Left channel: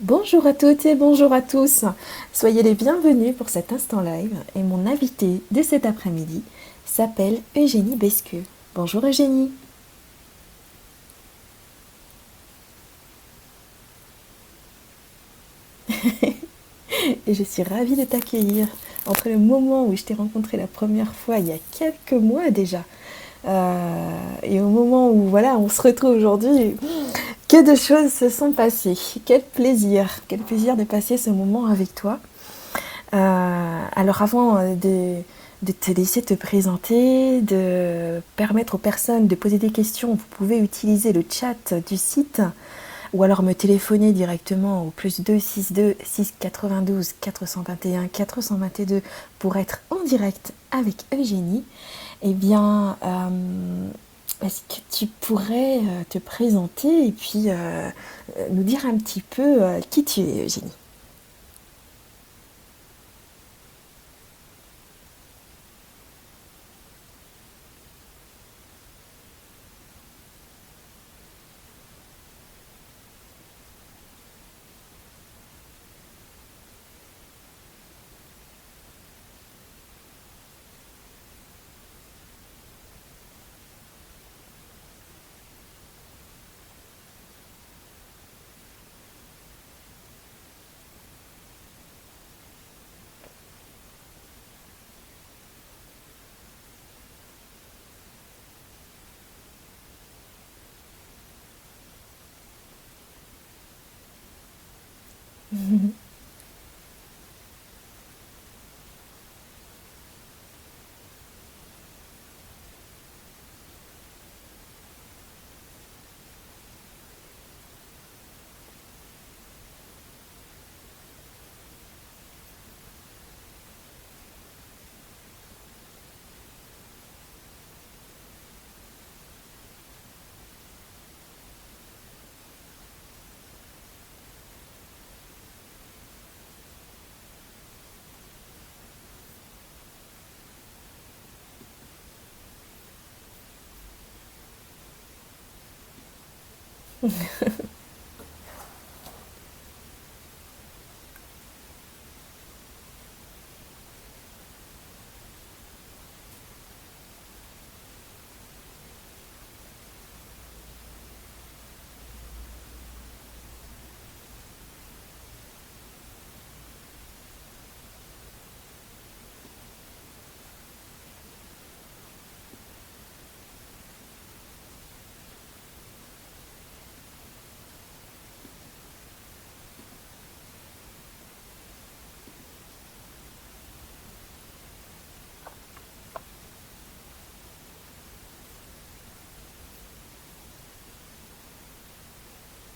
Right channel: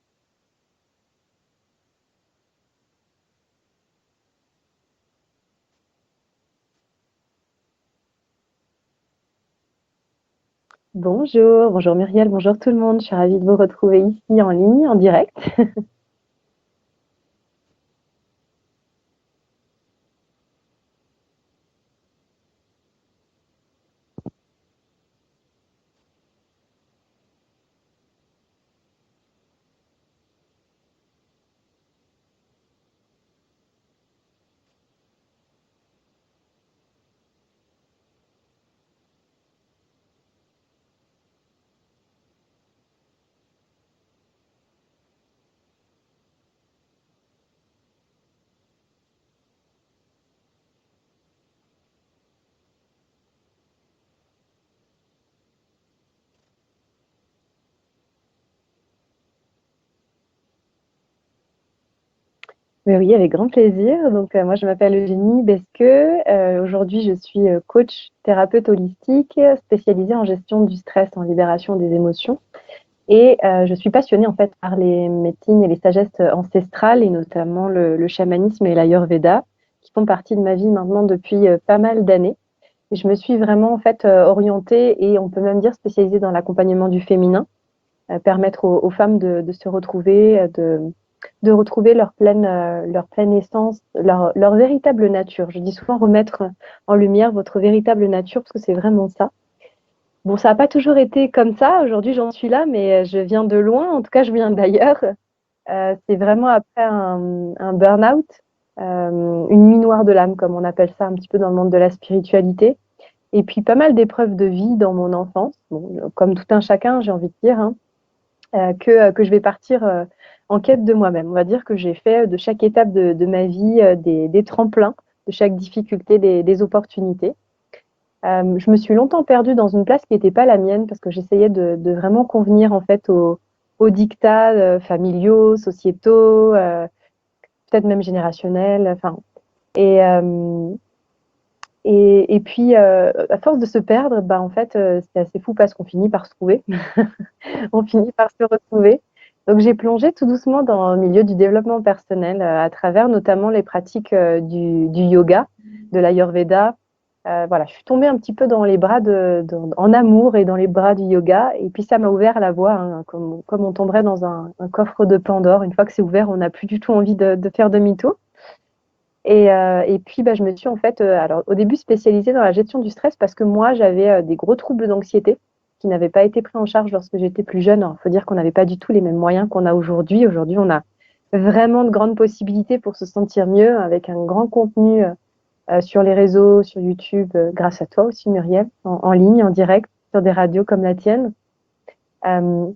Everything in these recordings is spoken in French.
Bonjour à toutes et bonjour à tous. Soyez les bienvenus pour cet instant live et mon invité de cet après-midi s'appelle Eugénie Besqueux. Bonjour Eugénie. Bonjour, bonjour Muriel, bonjour tout le monde. Je suis ravie de vous retrouver ici en ligne, en direct. Et je suis ravie de t'accueillir entre le moment où je t'ai rencontré la première fois il y a quelques mois déjà et au moment où voilà on se retrouve aujourd'hui. Que de choses se sont passées. Quel plaisir de passer ce moment avec toi. Alors avant de te laisser te présenter, de permettre aux personnes de poser des questions, vous pouvez utiliser le chat du site ou alors me téléphoner directement au +2 62 692 421 422 pour être en direct avec Eugénie. Eh bien, est-ce que tu pourrais te présenter et puis nous dire un petit peu qui tu es, Eugénie? Mais oui, avec grand plaisir. Moi, je m'appelle Eugénie Besqueux. Aujourd'hui, je suis coach thérapeute holistique spécialisée en gestion du stress, en libération des émotions. Et je suis passionnée en fait par les médecines et les sagesses ancestrales, et notamment le chamanisme et l'ayurveda, qui font partie de ma vie maintenant depuis pas mal d'années. Et je me suis vraiment en fait orientée et on peut même dire spécialisée dans l'accompagnement du féminin, permettre aux femmes de se retrouver, de retrouver leur pleine essence, leur véritable nature. Je dis souvent remettre en lumière votre véritable nature parce que c'est vraiment ça. Bon, ça n'a pas toujours été comme ça. Aujourd'hui, j'en suis là, mais je viens de loin. En tout cas, je viens d'ailleurs. C'est vraiment après un burn-out, une nuit noire de l'âme, comme on appelle ça un petit peu dans le monde de la spiritualité. Et puis pas mal d'épreuves de vie dans mon enfance, bon, comme tout un chacun, j'ai envie de dire, hein, que je vais partir en quête de moi-même. On va dire que j'ai fait de chaque étape de ma vie des tremplins, de chaque difficulté, des opportunités. Je me suis longtemps perdue dans une place qui n'était pas la mienne parce que j'essayais de vraiment convenir en fait aux dictats familiaux, sociétaux, peut-être même générationnels. Enfin, et, euh, et puis, à force de se perdre, bah, en fait, c'est assez fou parce qu'on finit par se trouver. On finit par se retrouver. Donc, j'ai plongé tout doucement dans le milieu du développement personnel à travers notamment les pratiques du yoga, de l'ayurveda. Voilà, je suis tombée un petit peu dans les bras en amour et dans les bras du yoga. Et puis, ça m'a ouvert la voie, hein, comme on tomberait dans un coffre de Pandore. Une fois que c'est ouvert, on n'a plus du tout envie de faire demi-tour. Et puis, bah, je me suis en fait, alors au début spécialisée dans la gestion du stress parce que moi, j'avais des gros troubles d'anxiété qui n'avaient pas été pris en charge lorsque j'étais plus jeune. Il faut dire qu'on n'avait pas du tout les mêmes moyens qu'on a aujourd'hui. Aujourd'hui, on a vraiment de grandes possibilités pour se sentir mieux avec un grand contenu sur les réseaux, sur YouTube, grâce à toi aussi, Muriel, en ligne, en direct, sur des radios comme la tienne. Euh,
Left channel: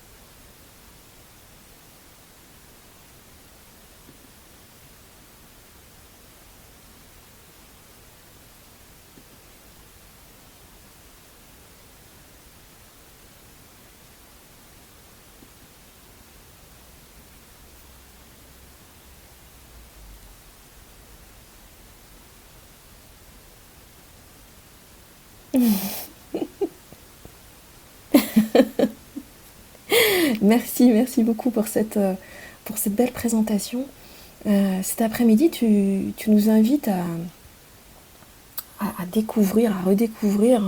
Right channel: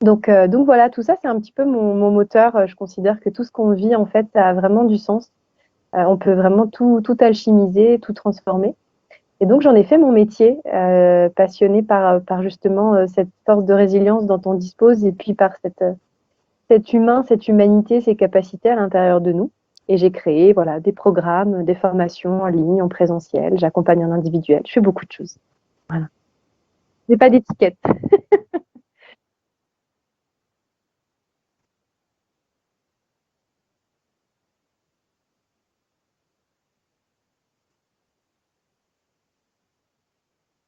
donc voilà, tout ça, c'est un petit peu mon moteur. Je considère que tout ce qu'on vit, en fait, ça a vraiment du sens. On peut vraiment tout alchimiser, tout transformer. Et donc, j'en ai fait mon métier, passionnée par justement cette force de résilience dont on dispose et puis par cet humain, cette humanité, ces capacités à l'intérieur de nous. Et j'ai créé voilà, des programmes, des formations en ligne, en présentiel. J'accompagne en individuel. Je fais beaucoup de choses. Voilà. J'ai pas d'étiquette. Merci, merci beaucoup pour cette belle présentation. Cet après-midi, tu nous invites à découvrir, à redécouvrir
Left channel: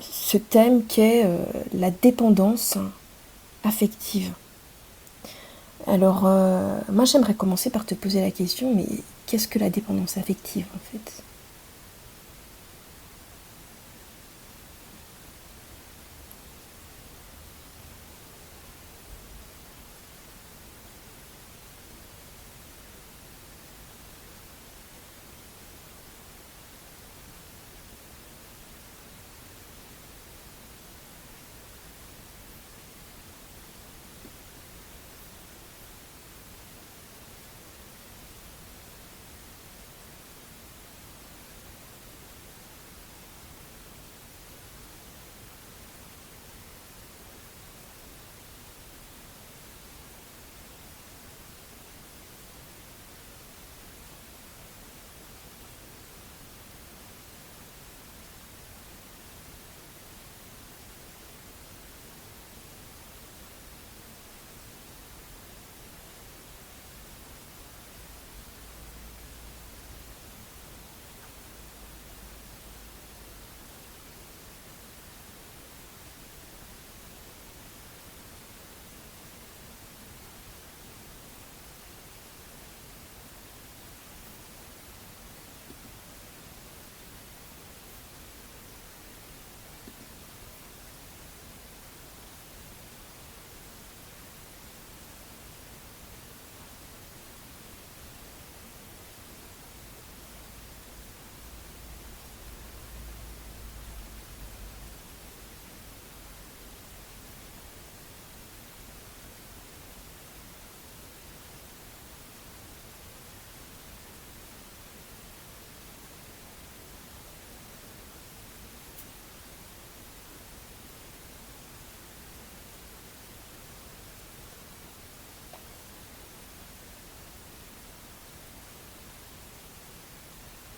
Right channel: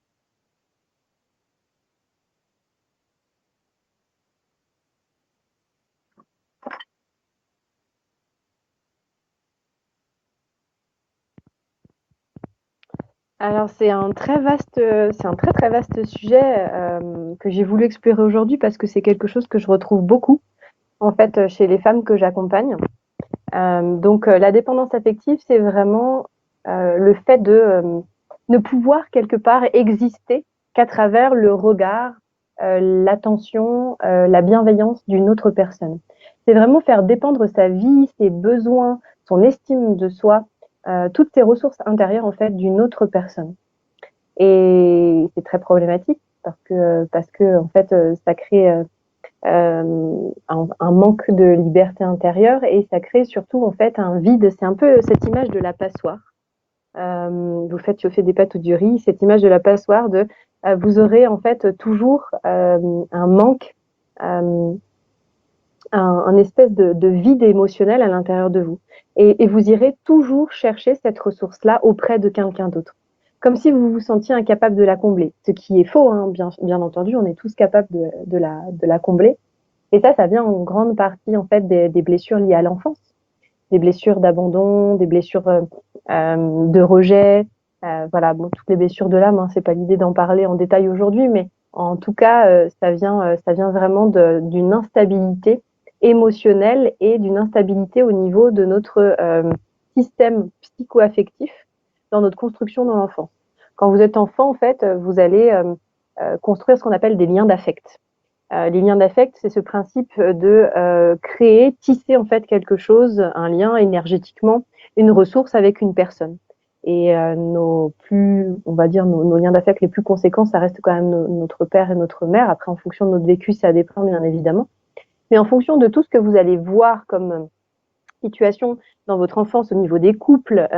ce thème qu'est la dépendance affective. Alors, moi, j'aimerais commencer par te poser la question, mais qu'est-ce que la dépendance affective en fait? Alors, c'est un très très vaste sujet que j'ai voulu explorer aujourd'hui parce que c'est quelque chose que je retrouve beaucoup en fait chez les femmes que j'accompagne. La dépendance affective, c'est vraiment le fait de ne pouvoir quelque part exister qu'à travers le regard, l'attention, la bienveillance d'une autre personne. C'est vraiment faire dépendre sa vie, ses besoins, son estime de soi, toutes ses ressources intérieures en fait d'une autre personne. Et c'est très problématique parce que en fait ça crée un manque de liberté intérieure et ça crée surtout en fait un vide. C'est un peu cette image de la passoire. Vous faites chauffer des pâtes ou du riz, cette image de la passoire de vous aurez en fait toujours un manque, euh, un espèce de vide émotionnel à l'intérieur de vous. Et vous irez toujours chercher cette ressource-là auprès de quelqu'un d'autre. Comme si vous vous sentiez incapable de la combler. Ce qui est faux, hein, bien entendu, on est tous capables de la combler. Et ça vient en grande partie en fait des blessures liées à l'enfance, des blessures d'abandon, des blessures de rejet, voilà, bon, toutes les blessures de l'âme, hein, c'est pas l'idée d'en parler en détail aujourd'hui, mais en tout cas, ça vient vraiment d'une instabilité émotionnelle et d'une instabilité au niveau de notre système psycho-affectif dans notre construction dans l'enfance. Quand vous êtes enfant, en fait, vous allez construire ce qu'on appelle des liens d'affect. Les liens d'affect, c'est ce principe de créer, tisser en fait quelque chose, un lien énergétiquement, une ressource avec une personne. Et nos plus, on va dire, nos liens d'affect les plus conséquents, ça reste quand même notre père et notre mère. Après, en fonction de notre vécu, ça dépend bien évidemment. Mais en fonction de tout ce que vous allez voir comme situation dans votre enfance au niveau des couples,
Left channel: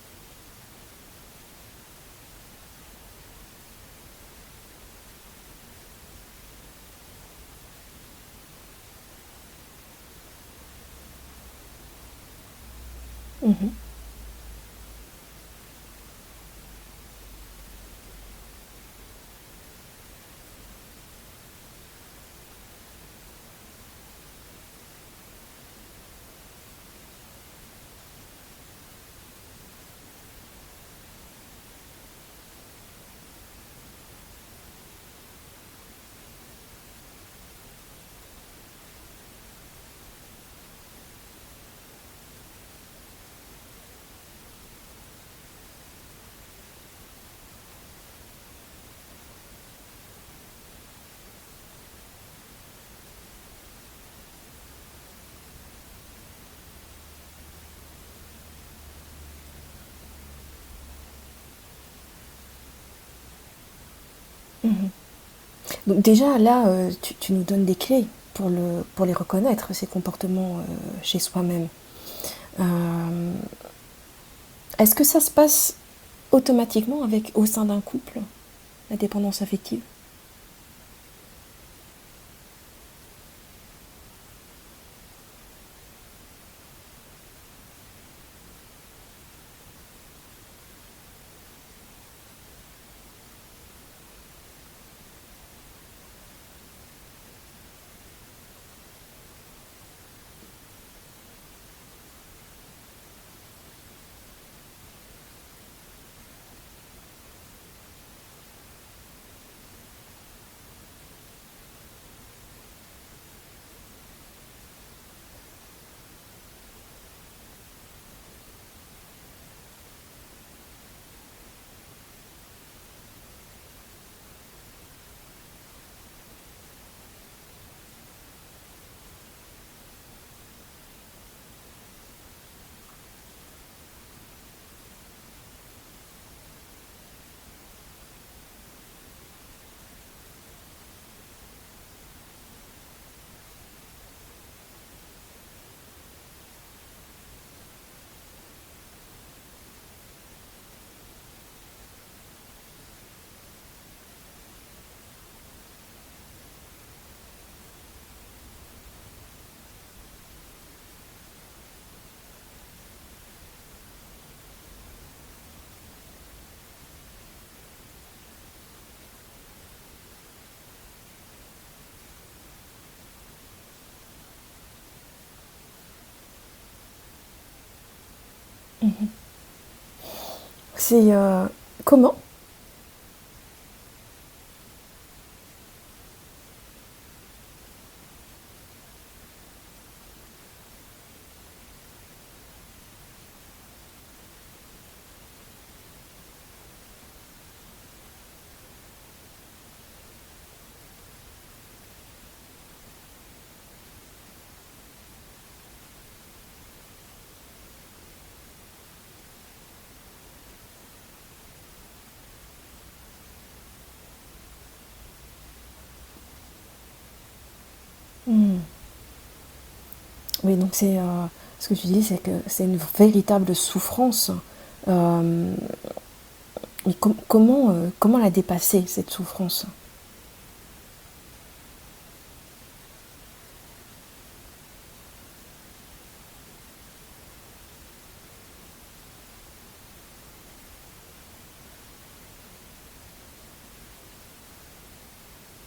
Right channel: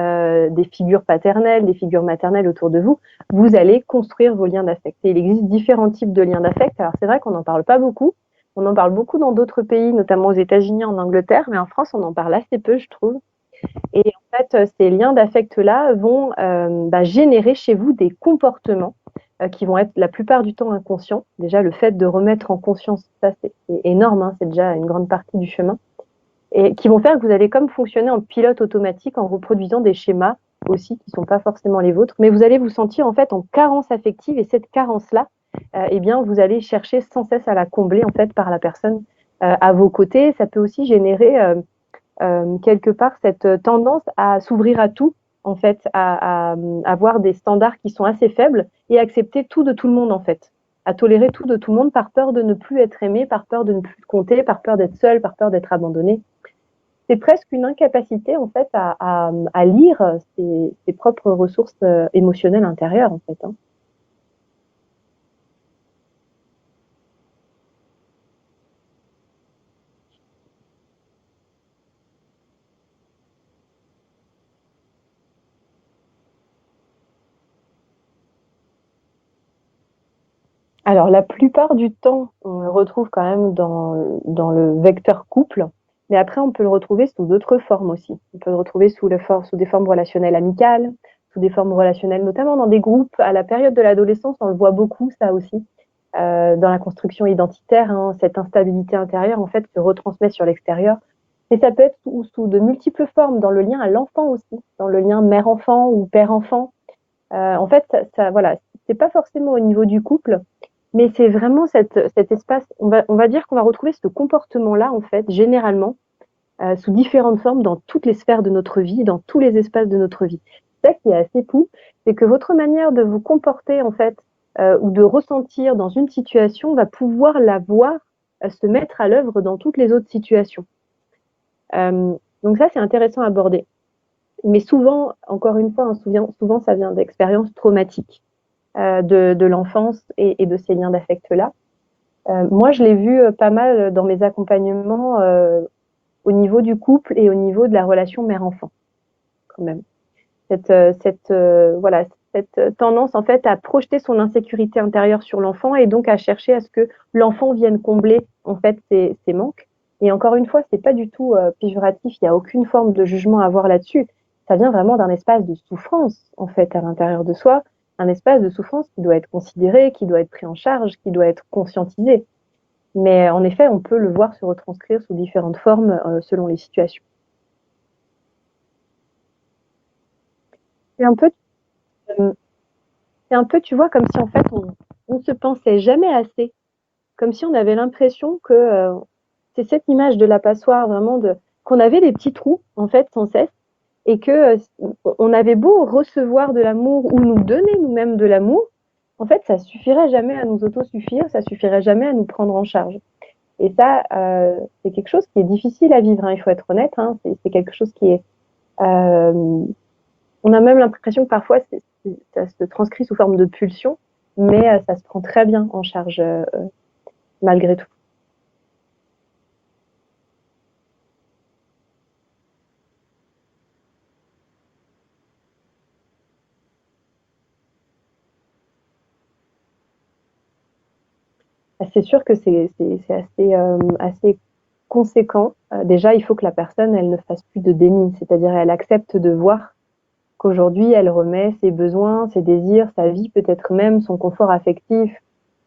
des figures paternelles, des figures maternelles autour de vous, vous allez construire vos liens d'affect. Et il existe différents types de liens d'affect. Alors c'est vrai qu'on n'en parle pas beaucoup. On en parle beaucoup dans d'autres pays, notamment aux États-Unis, en Angleterre, mais en France, on en parle assez peu, je trouve. Mhm. Et en fait, ces liens d'affect-là vont générer chez vous des comportements qui vont être la plupart du temps inconscients. Déjà, le fait de remettre en conscience ça, c'est énorme, hein, c'est déjà une grande partie du chemin et qui vont faire que vous allez comme fonctionner en pilote automatique en reproduisant des schémas aussi qui ne sont pas forcément les vôtres, mais vous allez vous sentir en fait en carence affective et cette carence-là, eh bien, vous allez chercher sans cesse à la combler en fait par la personne à vos côtés. Ça peut aussi générer quelque part cette tendance à s'ouvrir à tout, en fait, à avoir des standards qui sont assez faibles et accepter tout de tout le monde en fait, à tolérer tout de tout le monde par peur de ne plus être aimé, par peur de ne plus compter, par peur d'être seul, par peur d'être abandonné. C'est presque une incapacité en fait à lire ses propres ressources émotionnelles intérieures en fait. Hein. Mhm. Donc déjà là, tu nous donnes des clés pour les reconnaître, ces comportements chez soi-même. Euh, Est-ce que ça se passe automatiquement au sein d'un couple, la dépendance affective? Alors la plupart du temps, on le retrouve quand même dans le vecteur couple, mais après on peut le retrouver sous d'autres formes aussi. On peut le retrouver sous des formes relationnelles amicales, sous des formes relationnelles, notamment dans des groupes. À la période de l'adolescence, on le voit beaucoup ça aussi. Dans la construction identitaire, hein, cette instabilité intérieure en fait se retransmet sur l'extérieur. Et ça peut être sous de multiples formes, dans le lien à l'enfant aussi, dans le lien mère-enfant ou père-enfant. En fait, voilà, c'est pas forcément au niveau du couple, mais c'est vraiment cet espace. On va dire qu'on va retrouver ce comportement-là en fait, généralement, sous différentes formes dans toutes les sphères de notre vie, dans tous les espaces de notre vie. Ça qui est assez fou, c'est que votre manière de vous comporter en fait ou de ressentir dans une situation va pouvoir la voir se mettre à l'œuvre dans toutes les autres situations. Donc ça, c'est intéressant à aborder. Mais souvent, encore une fois, hein, souvent ça vient d'expériences traumatiques de l'enfance et de ces liens d'affect-là. Moi, je l'ai vu pas mal dans mes accompagnements au niveau du couple et au niveau de la relation mère-enfant, quand même. Voilà, cette tendance en fait à projeter son insécurité intérieure sur l'enfant et donc à chercher à ce que l'enfant vienne combler en fait ses manques. Et encore une fois, c'est pas du tout péjoratif, il n'y a aucune forme de jugement à avoir là-dessus. Ça vient vraiment d'un espace de souffrance en fait à l'intérieur de soi, un espace de souffrance qui doit être considéré, qui doit être pris en charge, qui doit être conscientisé. Mais en effet, on peut le voir se retranscrire sous différentes formes selon les situations. C'est C'est un peu comment? euh, C'est un peu, tu vois, comme si en fait on se pensait jamais assez, comme si on avait l'impression que c'est cette image de la passoire vraiment de qu'on avait des petits trous en fait sans cesse et que on avait beau recevoir de l'amour ou nous donner nous-mêmes de l'amour, en fait ça suffirait jamais à nous autosuffire, ça suffirait jamais à nous prendre en charge. Et ça, c'est quelque chose qui est difficile à vivre, hein, il faut être honnête, hein, c'est quelque chose qui est euh, on a même l'impression que parfois ça se transcrit sous forme de pulsion, mais ça se prend très bien en charge malgré tout. Hmm. Oui, donc ce que tu dis, c'est que c'est une véritable souffrance. Mais comment la dépasser, cette souffrance? C'est sûr que c'est assez, assez conséquent. Déjà, il faut que la personne, elle ne fasse plus de déni, c'est-à-dire elle accepte de voir qu'aujourd'hui, elle remet ses besoins, ses désirs, sa vie, peut-être même son confort affectif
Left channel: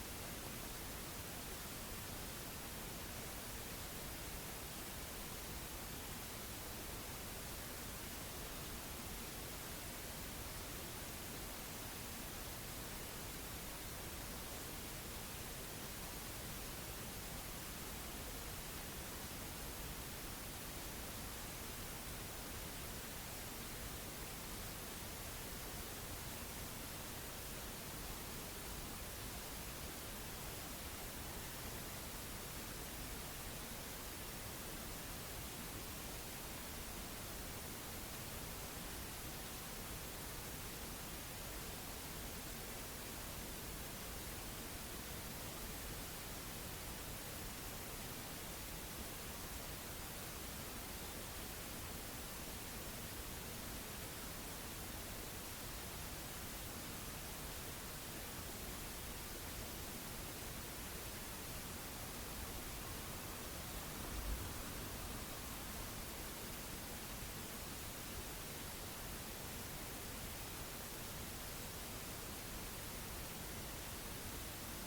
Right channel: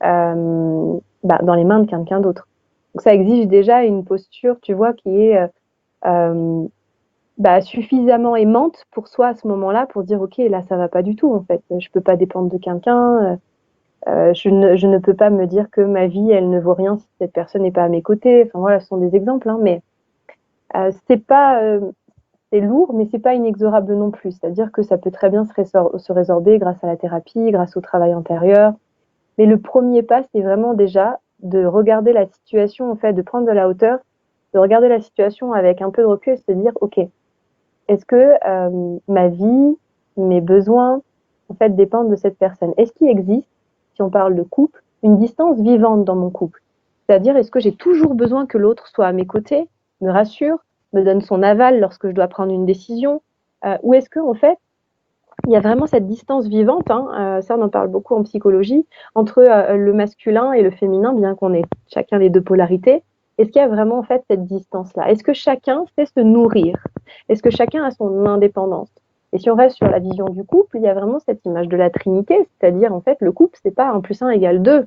dans les mains de quelqu'un d'autre. Donc ça exige déjà une posture, tu vois, qui est euh, suffisamment aimante pour soi à ce moment-là pour dire, OK, là, ça va pas du tout, en fait. Je peux pas dépendre de quelqu'un. Je ne peux pas me dire que ma vie, elle ne vaut rien si cette personne n'est pas à mes côtés. Enfin voilà, ce sont des exemples, hein, mais c'est pas, c'est lourd, mais c'est pas inexorable non plus. C'est-à-dire que ça peut très bien se résorber grâce à la thérapie, grâce au travail intérieur. Mais le premier pas, c'est vraiment déjà de regarder la situation, en fait, de prendre de la hauteur, de regarder la situation avec un peu de recul et se dire, OK, est-ce que ma vie, mes besoins, en fait, dépendent de cette personne? Est-ce qu'il existe, si on parle de couple, une distance vivante dans mon couple? C'est-à-dire, est-ce que j'ai toujours besoin que l'autre soit à mes côtés, me rassure, me donne son aval lorsque je dois prendre une décision? Ou est-ce que, en fait, il y a vraiment cette distance vivante, hein, ça on en parle beaucoup en psychologie, entre le masculin et le féminin, bien qu'on ait chacun les deux polarités. Est-ce qu'il y a vraiment en fait cette distance-là? Est-ce que chacun sait se nourrir? Est-ce que chacun a son indépendance? Et si on reste sur la vision du couple, il y a vraiment cette image de la Trinité, c'est-à-dire en fait le couple, c'est pas 1 + 1 = 2.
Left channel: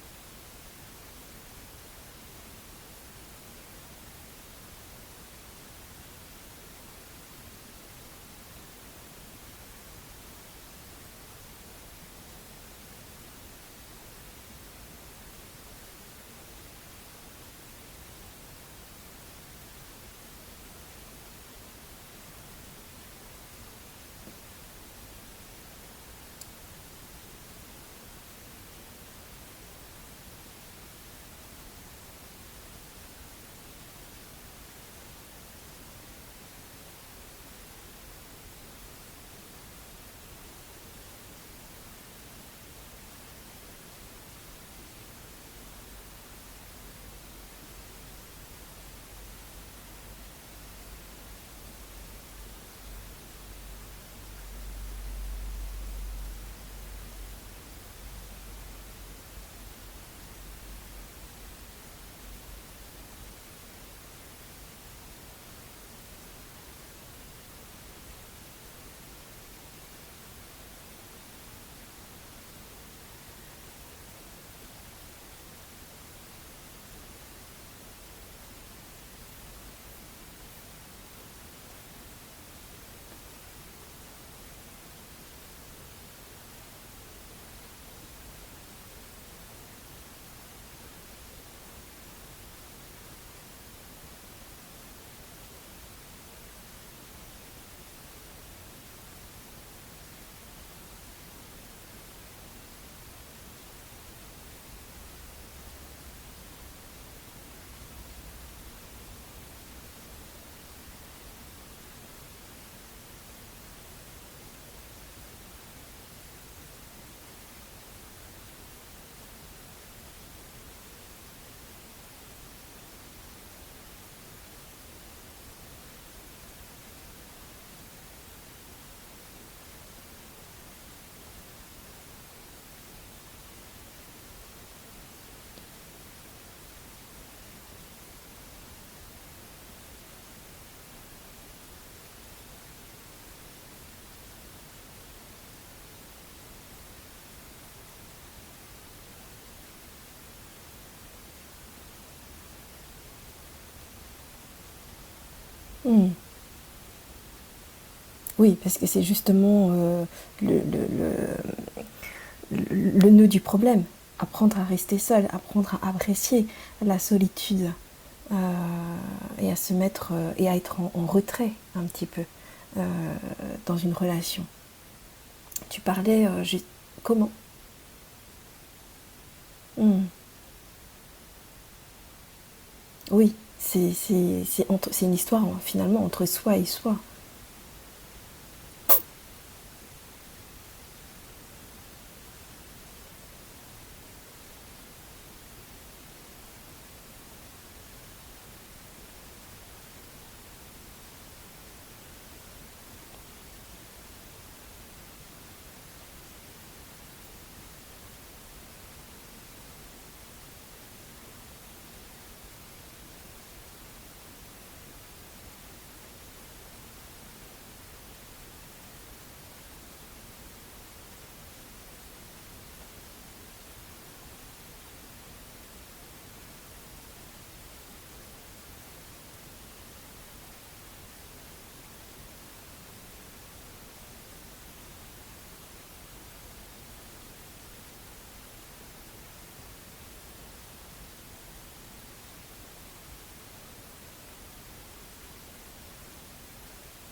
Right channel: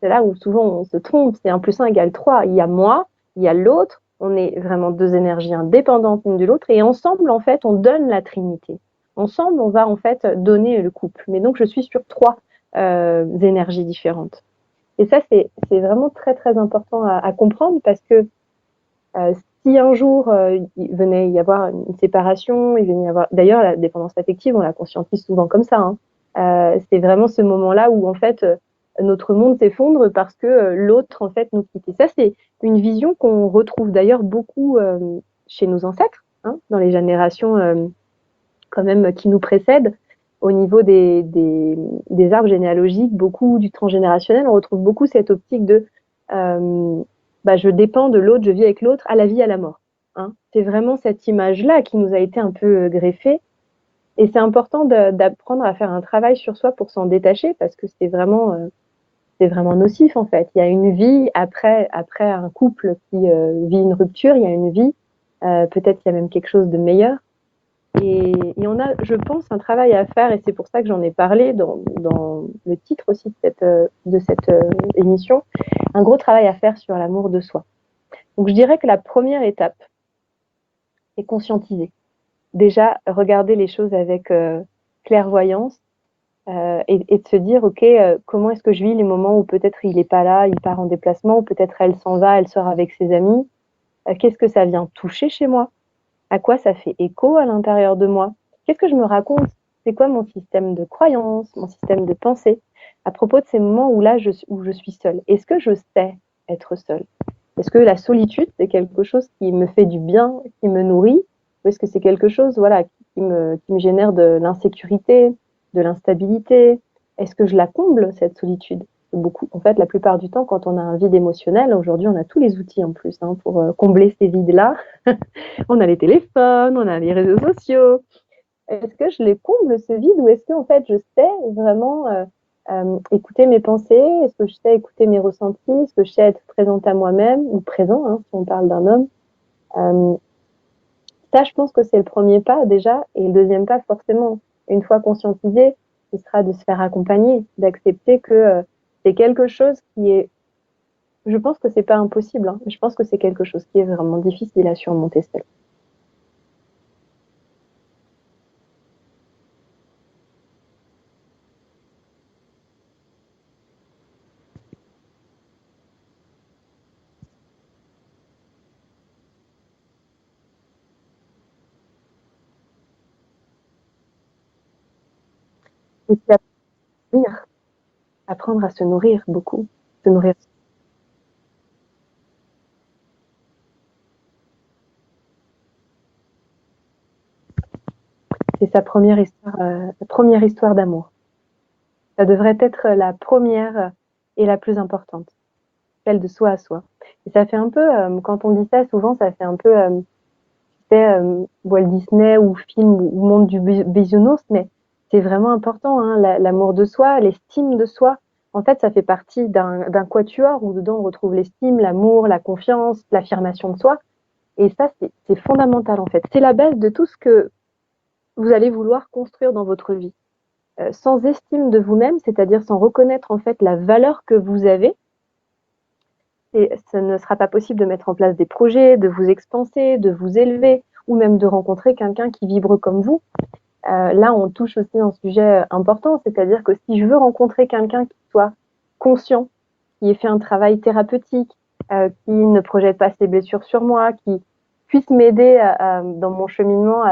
C'est là où souvent on se trompe, c'est 1 + 1 = 3. Il y a moi, il y a l'autre, on est vraiment deux énergies indépendantes l'une de l'autre, et ensemble, en fait, on donne la Trinité. Ensemble, on va en fait donner le couple. Mais donc, je suis sur trois énergies différentes. Et ça, c'est vraiment très, très important à comprendre parce que euh, si un jour il venait y avoir une séparation, il venait y avoir. D'ailleurs, la dépendance affective, on la conscientise souvent comme ça, hein. C'est vraiment ce moment-là où en fait notre monde s'effondre parce que l'autre en fait nous quitte. Et ça, c'est une vision qu'on retrouve d'ailleurs beaucoup chez nos ancêtres, hein, dans les générations quand même qui nous précèdent. Au niveau des arbres généalogiques, beaucoup du transgénérationnel, on retrouve beaucoup cette optique de euh, je dépends de l'autre, je vis avec l'autre, à la vie, à la mort. Hein. C'est vraiment cette image-là qui nous a été un peu greffée. Et c'est important d'apprendre à faire un travail sur soi pour s'en détacher parce que c'est vraiment nocif en fait. Il y a une vie après un couple qui vit une rupture, il y a une vie, peut-être qu'il y a même quelque chose de meilleur. Et on a, je pense, un travail à faire, et c'est pour ça que j'en ai parlé dans le titre aussi de cette émission, un gros travail à faire sur l'amour de soi. Donc je dirais que la première étape, c'est conscientiser. Déjà, regarder les choses avec clairvoyance et de se dire, OK, comment est-ce que je vis les moments où peut-être il n'est pas là, il part en déplacement, ou peut-être elle s'en va, elle sort avec ses amis. Qu'est-ce que ça vient toucher chez moi? À quoi ça fait écho à l'intérieur de moi? Qu'est-ce que je me raconte? C'est quoi mon système de croyance, mon système de pensée à propos de ces moments où je suis seule? Est-ce que je sais être seule? Est-ce que la solitude, c'est quelque chose qui me fait du bien, qui me nourrit? Ou est-ce que c'est quelque chose, voilà, qui me génère de l'insécurité, de l'instabilité? Est-ce que je la comble, cette solitude? Beaucoup. En fait, la plupart du temps, quand on a un vide émotionnel, aujourd'hui, on a tous les outils en plus hein, pour combler ces vides-là. On a les téléphones, on a les réseaux sociaux. Est-ce que je les comble ce vide ou est-ce que en fait je sais vraiment écouter mes pensées? Est-ce que je sais écouter mes ressentis? Est-ce que je sais être présente à moi-même ou présent, hein, si on parle d'un homme? Euh, Ça, je pense que c'est le premier pas déjà. Et le deuxième pas, forcément, une fois conscientisé, ce sera de se faire accompagner, d'accepter que c'est quelque chose qui est. Je pense que c'est pas impossible. Hein. Je pense que c'est quelque chose qui est vraiment difficile à surmonter seul. Hmm. Oui, parce que c'est justement le nœud du problème. Apprendre à rester seul, apprendre à apprécier la solitude et à se mettre et à être en retrait un petit peu euh, dans une relation. Tu Et parlais puis comment? apprendre à se nourrir beaucoup, Hmm. se nourrir. Oui, c'est une histoire finalement entre soi et soi. C'est sa première histoire d'amour. Ça devrait être la première et la plus importante, celle de soi à soi. Et ça fait un peu, quand on dit ça, souvent, ça fait un peu, c'est Walt Disney ou film ou monde du bisounours, mais c'est vraiment important, hein, l'amour de soi, l'estime de soi. en fait, ça fait partie d'un quatuor où dedans on retrouve l'estime, l'amour, la confiance, l'affirmation de soi. Et ça, c'est fondamental en fait. C'est la base de tout ce que vous allez vouloir construire dans votre vie. Sans estime de vous-même, c'est-à-dire sans reconnaître en fait la valeur que vous avez, ce ne sera pas possible de mettre en place des projets, de vous expanser, de vous élever, ou même de rencontrer quelqu'un qui vibre comme vous. Là, on touche aussi un sujet important, c'est-à-dire que si je veux rencontrer quelqu'un qui soit conscient, qui ait fait un travail thérapeutique, qui ne projette pas ses blessures sur moi, qui puisse m'aider dans mon cheminement,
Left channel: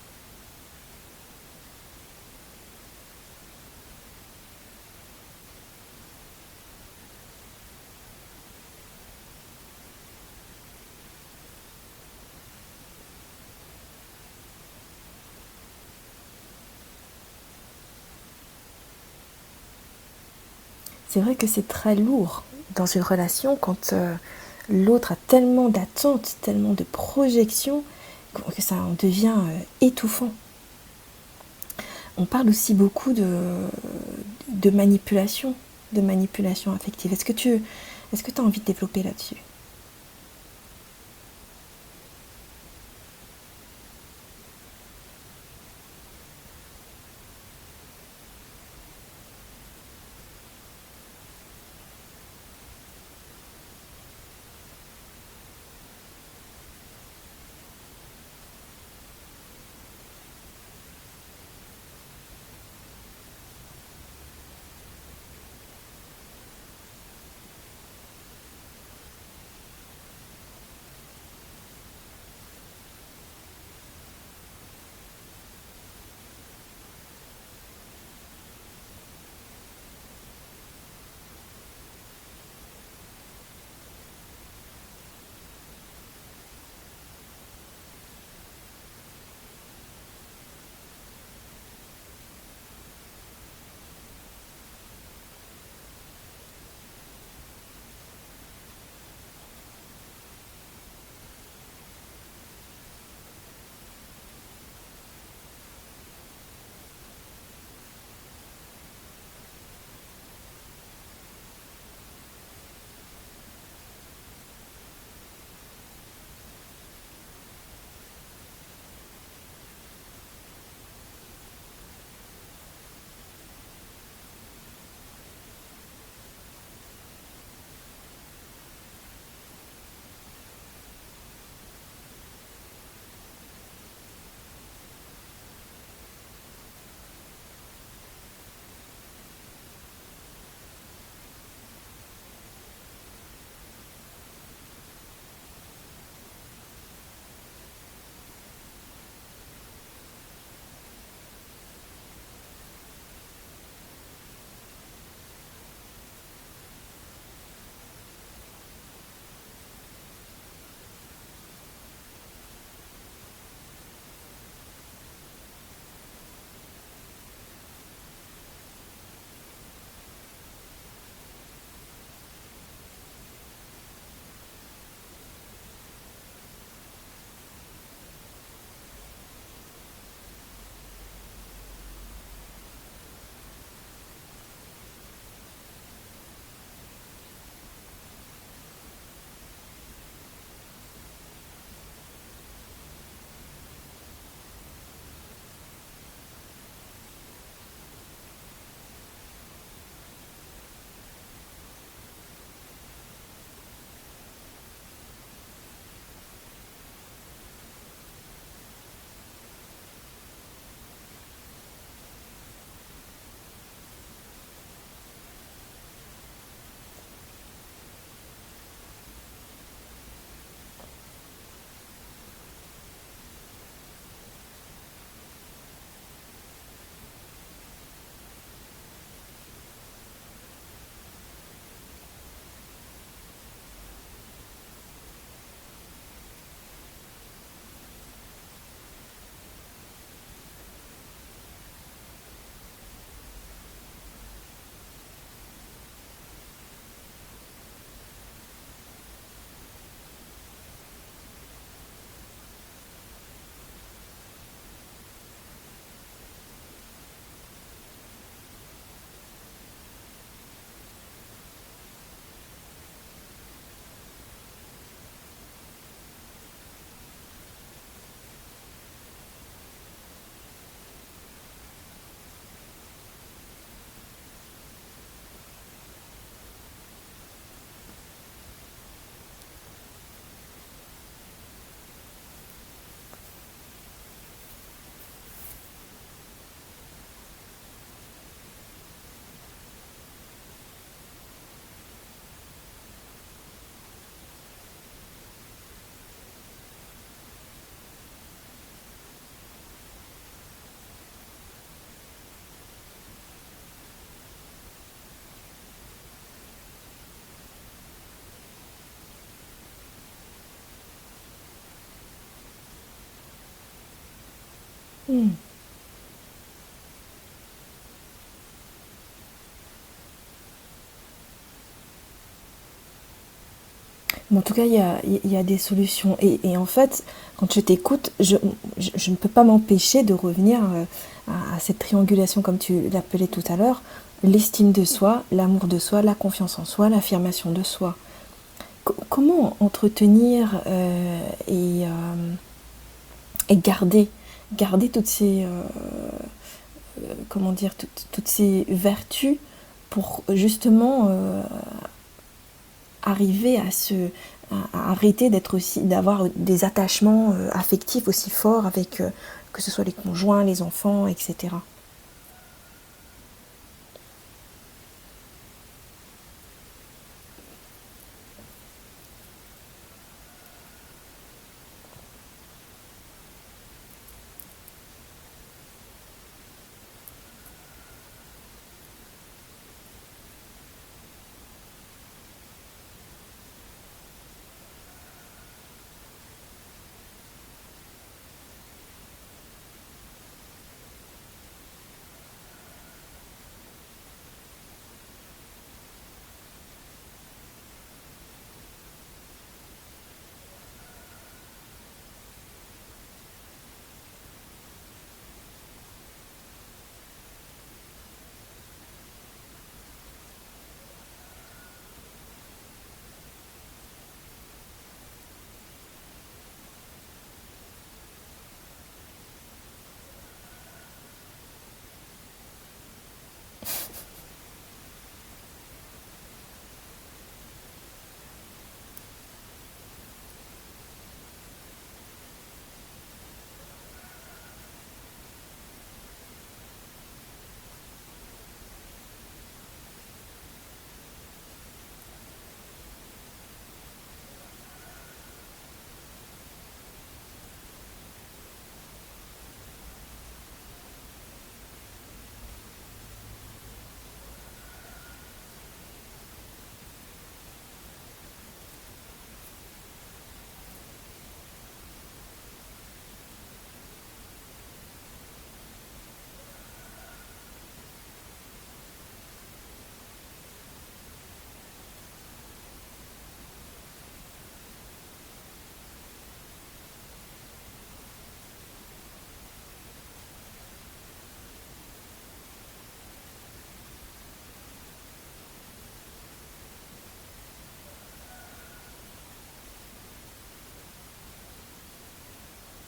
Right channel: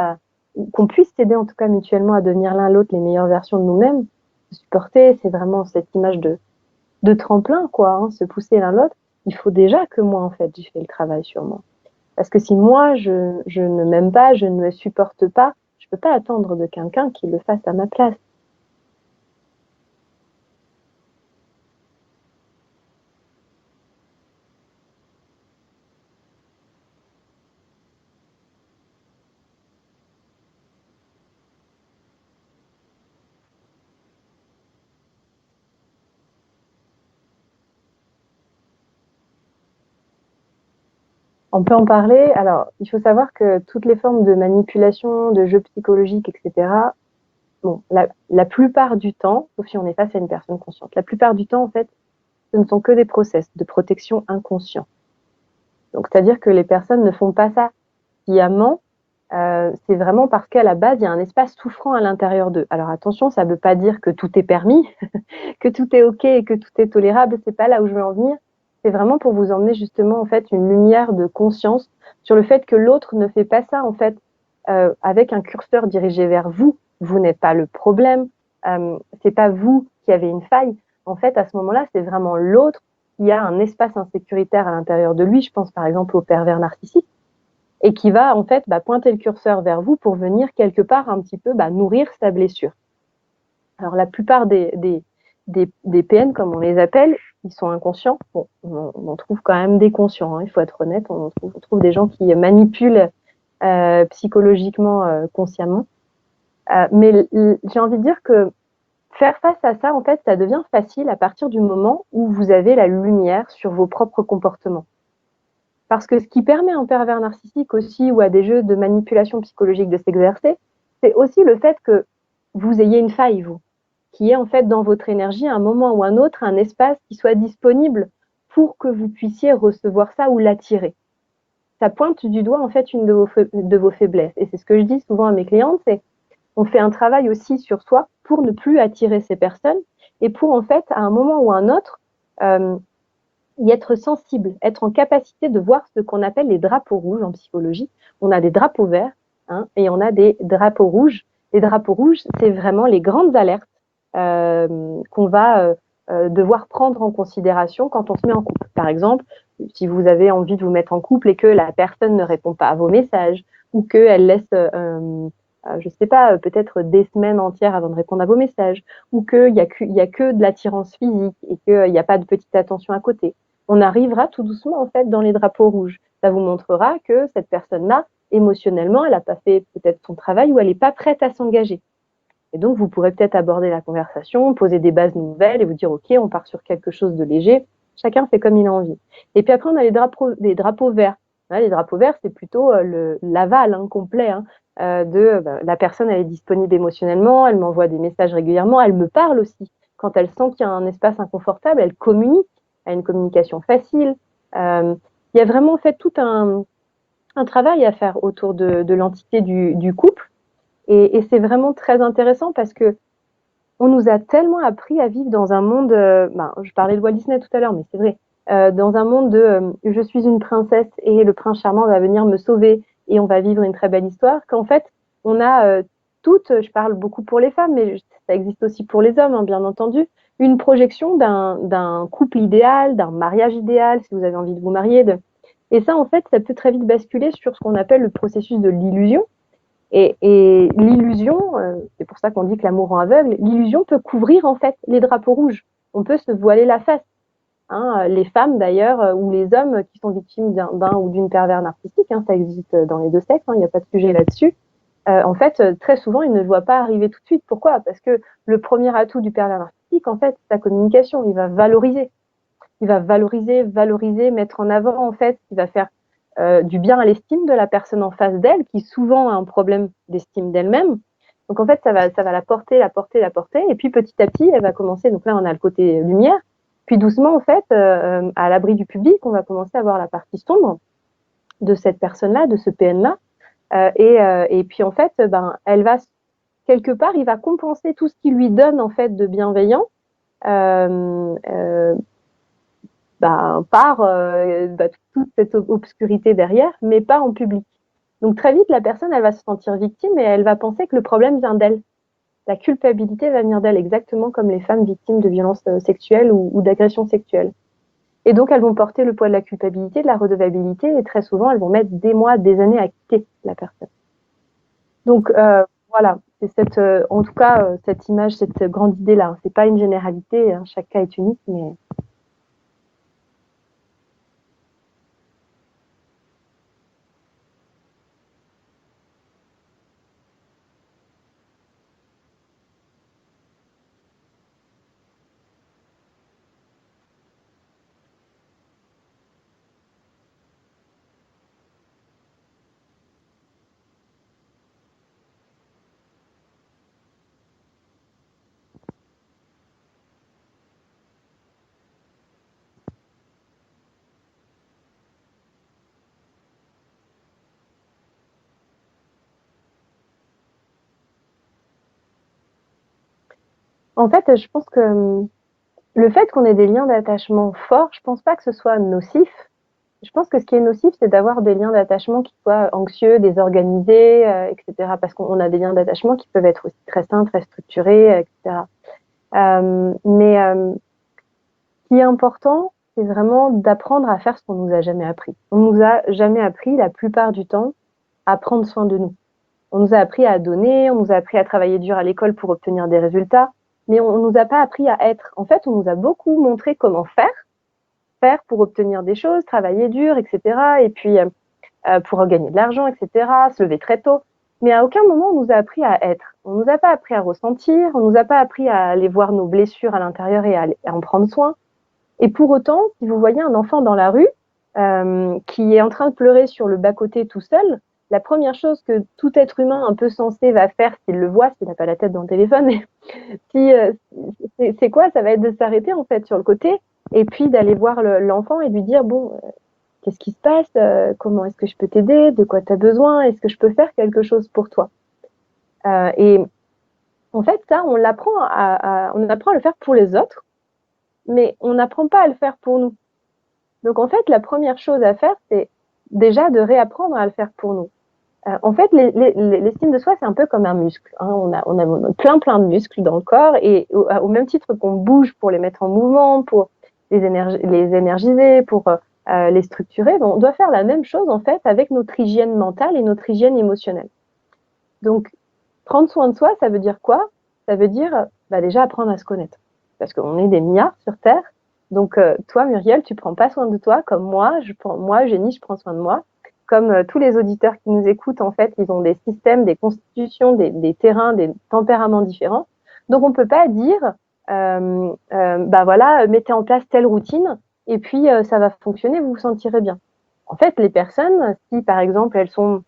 qu'on puisse s'aider en tout cas mutuellement à devenir l'un l'autre les meilleures versions de nous-mêmes, se supporter, c'est vraiment cette image de tremplin, quoi, hein, se pousser l'un l'autre. Il faut déjà que moi, en fait, j'ai fait le travail sur moi. Parce que si moi, je ne m'aime pas, je ne me supporte pas, je peux pas attendre de quelqu'un qui le fasse à ma place. C'est vrai que c'est très lourd dans une relation quand l'autre a tellement d'attentes, tellement de projections, que ça en devient étouffant. On parle aussi beaucoup de manipulation affective. Est-ce que tu as envie de développer là-dessus? On peut en parler. Alors, il faut savoir que toutes les formes de manipulation, de jeux psychologiques, etc., bon, la plupart du temps, sauf si on est face à une personne consciente, la plupart du temps, en fait, ce ne sont que des process de protection inconscients. Donc, c'est-à-dire que les personnes ne font pas ça sciemment, c'est vraiment parce qu'à la base, il y a un espace souffrant à l'intérieur d'eux. Alors attention, ça ne veut pas dire que tout est permis, que tout est OK et que tout est tolérable, c'est pas là où je veux en venir. C'est vraiment pour vous emmener justement en fait une lumière de conscience sur le fait que l'autre ne fait pas ça en fait avec un curseur dirigé vers vous. Vous n'êtes pas le problème, c'est pas vous qui avez une faille. En fait, à ce moment-là, c'est vraiment l'autre qui a un espace insécuritaire à l'intérieur de lui. Je pense par exemple au pervers narcissique et qui va en fait pointer le curseur vers vous pour venir quelque part un petit peu nourrir sa blessure. Alors la plupart des PN, comme on les appelle, ils sont inconscients. Bon, on trouve quand même des conscients, hein, il faut être honnête, on trouve des gens qui manipulent psychologiquement, consciemment. Mais j'ai envie de dire que faire face à ça, en fait, ça devient facile à partir du moment où vous avez la lumière sur vos propres comportements. Parce que ce qui permet à un pervers narcissique aussi ou à des jeux de manipulation psychologique de s'exercer, c'est aussi le fait que vous ayez une faille, vous, qui est en fait dans votre énergie, à un moment ou un autre, un espace qui soit disponible pour que vous puissiez recevoir ça ou l'attirer. Ça pointe du doigt en fait une de vos faiblesses. Et c'est ce que je dis souvent à mes clientes, c'est on fait un travail aussi sur soi pour ne plus attirer ces personnes et pour en fait, à un moment ou un autre, y être sensible, être en capacité de voir ce qu'on appelle les drapeaux rouges en psychologie. On a des drapeaux verts et on a des drapeaux rouges. Les drapeaux rouges, c'est vraiment les grandes alertes qu'on va devoir prendre en considération quand on se met en couple. Par exemple, si vous avez envie de vous mettre en couple et que la personne ne répond pas à vos messages ou qu'elle laisse, je sais pas, peut-être des semaines entières avant de répondre à vos messages ou qu'il y a que de l'attirance physique et qu'il n'y a pas de petite attention à côté. On arrivera tout doucement en fait dans les drapeaux rouges. Ça vous montrera que cette personne-là, émotionnellement, elle n'a pas fait peut-être son travail ou elle n'est pas prête à s'engager. Et donc, vous pourrez peut-être aborder la conversation, poser des bases nouvelles et vous dire, OK, on part sur quelque chose de léger. Chacun fait comme il a envie. Et puis après, on a les drapeaux verts. Les drapeaux verts, c'est plutôt l'aval complet la personne, elle est disponible émotionnellement, elle m'envoie des messages régulièrement, elle me parle aussi. Quand elle sent qu'il y a un espace inconfortable, elle communique, elle a une communication facile. Il y a vraiment en fait tout un travail à faire autour de l'entité du couple. Et c'est vraiment très intéressant parce que on nous a tellement appris à vivre dans un monde, je parlais de Walt Disney tout à l'heure, mais c'est vrai, dans un monde de je suis une princesse et le prince charmant va venir me sauver et on va vivre une très belle histoire, qu'en fait, on a toutes, je parle beaucoup pour les femmes, mais ça existe aussi pour les hommes, bien entendu, une projection d'un couple idéal, d'un mariage idéal, si vous avez envie de vous marier. Et ça, en fait, ça peut très vite basculer sur ce qu'on appelle le processus de l'illusion. Et l'illusion, c'est pour ça qu'on dit que l'amour rend aveugle, l'illusion peut couvrir en fait les drapeaux rouges. On peut se voiler la face. Les femmes d'ailleurs, ou les hommes qui sont victimes d'un ou d'une pervers narcissique, ça existe dans les deux sexes, il n'y a pas de sujet là-dessus. En fait, très souvent, ils ne le voient pas arriver tout de suite. Pourquoi? Parce que le premier atout du pervers narcissique, en fait, c'est sa communication. Il va valoriser. Il va valoriser, mettre en avant, en fait, il va faire du bien à l'estime de la personne en face d'elle, qui souvent a un problème d'estime d'elle-même. Donc, en fait, ça va la porter, la porter, la porter. Et puis, petit à petit, elle va commencer. Donc là, on a le côté lumière. Puis, doucement, en fait, à l'abri du public, on va commencer à voir la partie sombre de cette personne-là, de ce PN-là. Et puis, en fait, ben, elle va, quelque part, il va compenser tout ce qui lui donne, en fait, de bienveillant. Euh, euh, par toute cette obscurité derrière, mais pas en public. Donc très vite, la personne, elle va se sentir victime et elle va penser que le problème vient d'elle. La culpabilité va venir d'elle, exactement comme les femmes victimes de violences sexuelles ou d'agressions sexuelles. Et donc, elles vont porter le poids de la culpabilité, de la redevabilité, et très souvent, elles vont mettre des mois, des années à quitter la personne. Donc, voilà, c'est en tout cas, cette image, cette grande idée-là. C'est pas une généralité, hein, chaque cas est unique, mais... Mais en tout cas, il y a des solutions. Et en fait, quand je t'écoute, je ne peux pas m'empêcher de revenir à cette triangulation, comme tu l'appelais tout à l'heure, l'estime de soi, l'amour de soi, la confiance en soi, l'affirmation de soi. Comment entretenir et garder toutes ces, comment dire, toutes ces vertus pour justement arriver à arrêter d'être aussi, d'avoir des attachements affectifs aussi forts avec que ce soit les conjoints, les enfants, etc. En fait, je pense que le fait qu'on ait des liens d'attachement forts, je pense pas que ce soit nocif. Je pense que ce qui est nocif, c'est d'avoir des liens d'attachement qui soient anxieux, désorganisés, etc. Parce qu'on a des liens d'attachement qui peuvent être aussi très sains, très structurés, etc. Mais ce qui est important, c'est vraiment d'apprendre à faire ce qu'on nous a jamais appris. On nous a jamais appris, la plupart du temps, à prendre soin de nous. On nous a appris à donner, on nous a appris à travailler dur à l'école pour obtenir des résultats, mais on nous a pas appris à être. En fait, on nous a beaucoup montré comment faire pour obtenir des choses, travailler dur, etc. Et puis pour gagner de l'argent, etc. Se lever très tôt. Mais à aucun moment on nous a appris à être. On nous a pas appris à ressentir, on nous a pas appris à aller voir nos blessures à l'intérieur et à en prendre soin. Et pour autant, si vous voyez un enfant dans la rue qui est en train de pleurer sur le bas-côté tout seul, la première chose que tout être humain un peu sensé va faire s'il le voit, s'il n'a pas la tête dans le téléphone, si, c'est quoi? Ça va être de s'arrêter en fait sur le côté et puis d'aller voir l'enfant et lui dire, bon, qu'est-ce qui se passe? Comment est-ce que je peux t'aider? De quoi tu as besoin? Est-ce que je peux faire quelque chose pour toi? Et en fait, ça, on apprend à le faire pour les autres, mais on n'apprend pas à le faire pour nous. Donc en fait, la première chose à faire, c'est déjà de réapprendre à le faire pour nous. En fait, l'estime de soi, c'est un peu comme un muscle, hein. On a plein de muscles dans le corps et au même titre qu'on bouge pour les mettre en mouvement, pour les énergiser, pour les structurer, ben, on doit faire la même chose en fait avec notre hygiène mentale et notre hygiène émotionnelle. Donc, prendre soin de soi, ça veut dire quoi? Ça veut dire bah, déjà apprendre à se connaître. Parce qu'on est des milliards sur Terre. Donc, toi, Muriel, tu prends pas soin de toi comme moi, Génie, je prends soin de moi. Comme tous les auditeurs qui nous écoutent, en fait, ils ont des systèmes, des constitutions, des terrains, des tempéraments différents. Donc, on peut pas dire, bah voilà, mettez en place telle routine et puis ça va fonctionner, vous vous sentirez bien. En fait, les personnes, si par exemple elles sont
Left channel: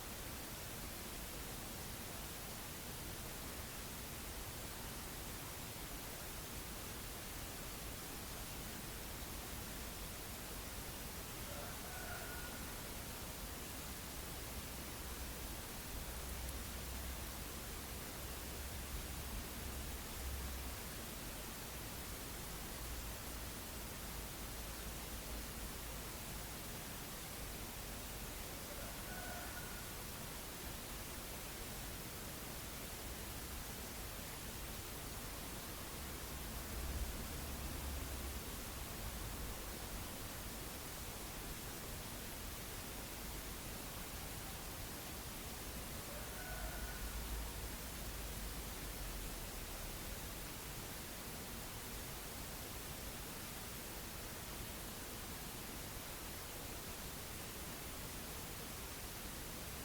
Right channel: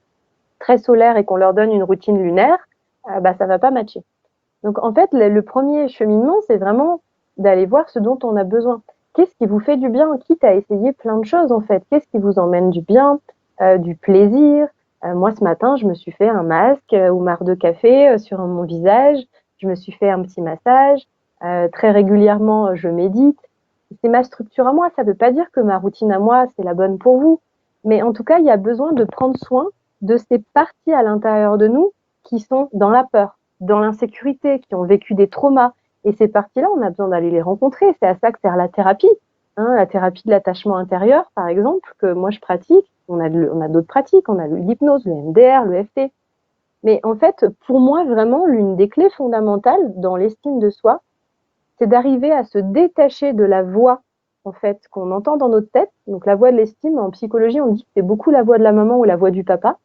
très solaires et qu'on leur donne une routine lunaire, bah ça va pas matcher. Donc en fait, le premier cheminement, c'est vraiment d'aller voir ce dont on a besoin. Qu'est-ce qui vous fait du bien? Quitte à essayer plein de choses en fait. Qu'est-ce qui vous emmène du bien, du plaisir? Moi, ce matin, je me suis fait un masque ou marc de café sur mon visage. Je me suis fait un petit massage. Très régulièrement, je médite. C'est ma structure à moi. Ça ne veut pas dire que ma routine à moi, c'est la bonne pour vous. Mais en tout cas, il y a besoin de prendre soin de ces parties à l'intérieur de nous qui sont dans la peur, dans l'insécurité, qui ont vécu des traumas. Et ces parties-là, on a besoin d'aller les rencontrer. C'est à ça que sert la thérapie. Hein, la thérapie de l'attachement intérieur, par exemple, que moi je pratique. On a d'autres pratiques, on a l'hypnose, le MDR, le FT. Mais en fait, pour moi, vraiment, l'une des clés fondamentales dans l'estime de soi, c'est d'arriver à se détacher de la voix, en fait, qu'on entend dans notre tête. Donc la voix de l'estime, en psychologie, on dit que c'est beaucoup la voix de la maman ou la voix du papa.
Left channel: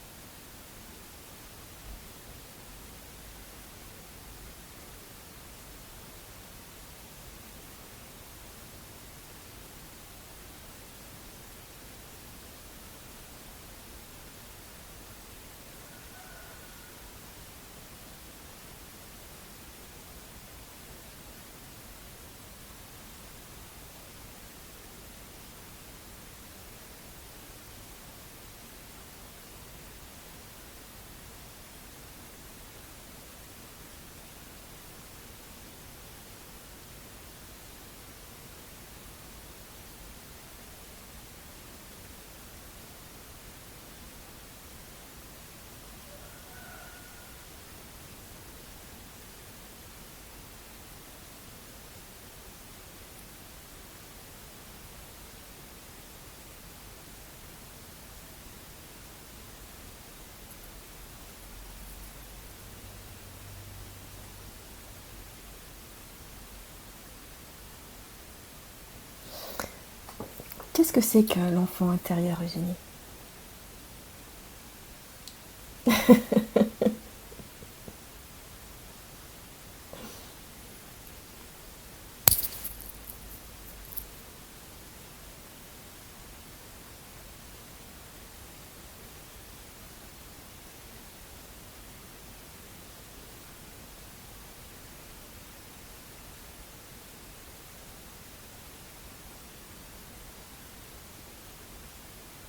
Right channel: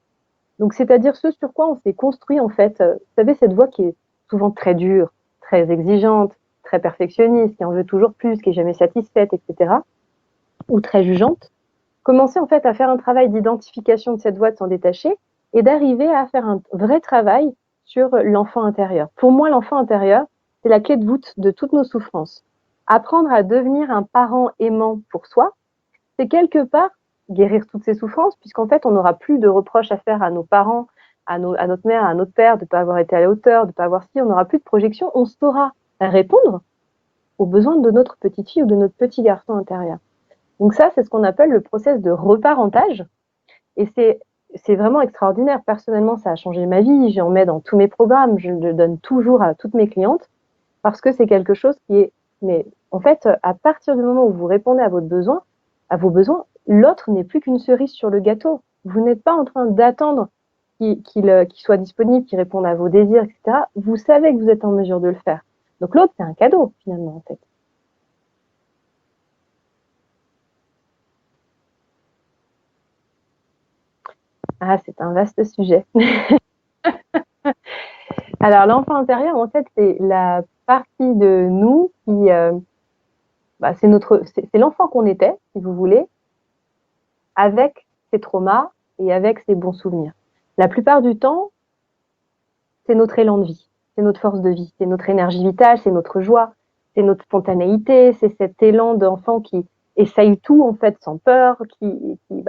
Donc c'est-à-dire ce sur quoi on s'est construit, en fait. Vous savez, cette voix qui est souvent très dure, très exigeante, très perfectionniste, qui en veut toujours plus, qui est jamais satisfaite, etc., ou très jugeante, commencer en fait à faire un travail d'identification de cette voix, de s'en détacher et d'arriver à faire un vrai travail sur l'enfant intérieur. Pour moi, l'enfant intérieur, c'est la clé de voûte de toutes nos souffrances. Apprendre à devenir un parent aimant pour soi, c'est quelque part guérir toutes ces souffrances, puisqu'en fait, on n'aura plus de reproches à faire à nos parents, à notre mère, à notre père, de ne pas avoir été à la hauteur, de ne pas avoir si, on n'aura plus de projection, on saura répondre aux besoins de notre petite fille ou de notre petit garçon intérieur. Donc ça, c'est ce qu'on appelle le process de reparentage. Et c'est vraiment extraordinaire. Personnellement, ça a changé ma vie. J'en mets dans tous mes programmes. Je le donne toujours à toutes mes clientes parce que c'est quelque chose qui est... Mais en fait, à partir du moment où vous répondez à vos besoins, l'autre n'est plus qu'une cerise sur le gâteau. Vous n'êtes pas en train d'attendre qu'il soit disponible, qu'il réponde à vos désirs, etc. Vous savez que vous êtes en mesure de le faire. Donc l'autre, c'est un cadeau, finalement, en fait. Qu'est-ce que c'est que l'enfant intérieur, Eugénie? Ah, c'est un vaste sujet. Alors, l'enfant intérieur, en fait, c'est la partie de nous c'est l'enfant qu'on était, si vous voulez, avec ses traumas et avec ses bons souvenirs. La plupart du temps, c'est notre élan de vie, c'est notre force de vie, c'est notre énergie vitale, c'est notre joie, c'est notre spontanéité, c'est cet élan d'enfant qui essaye tout, en fait, sans peur,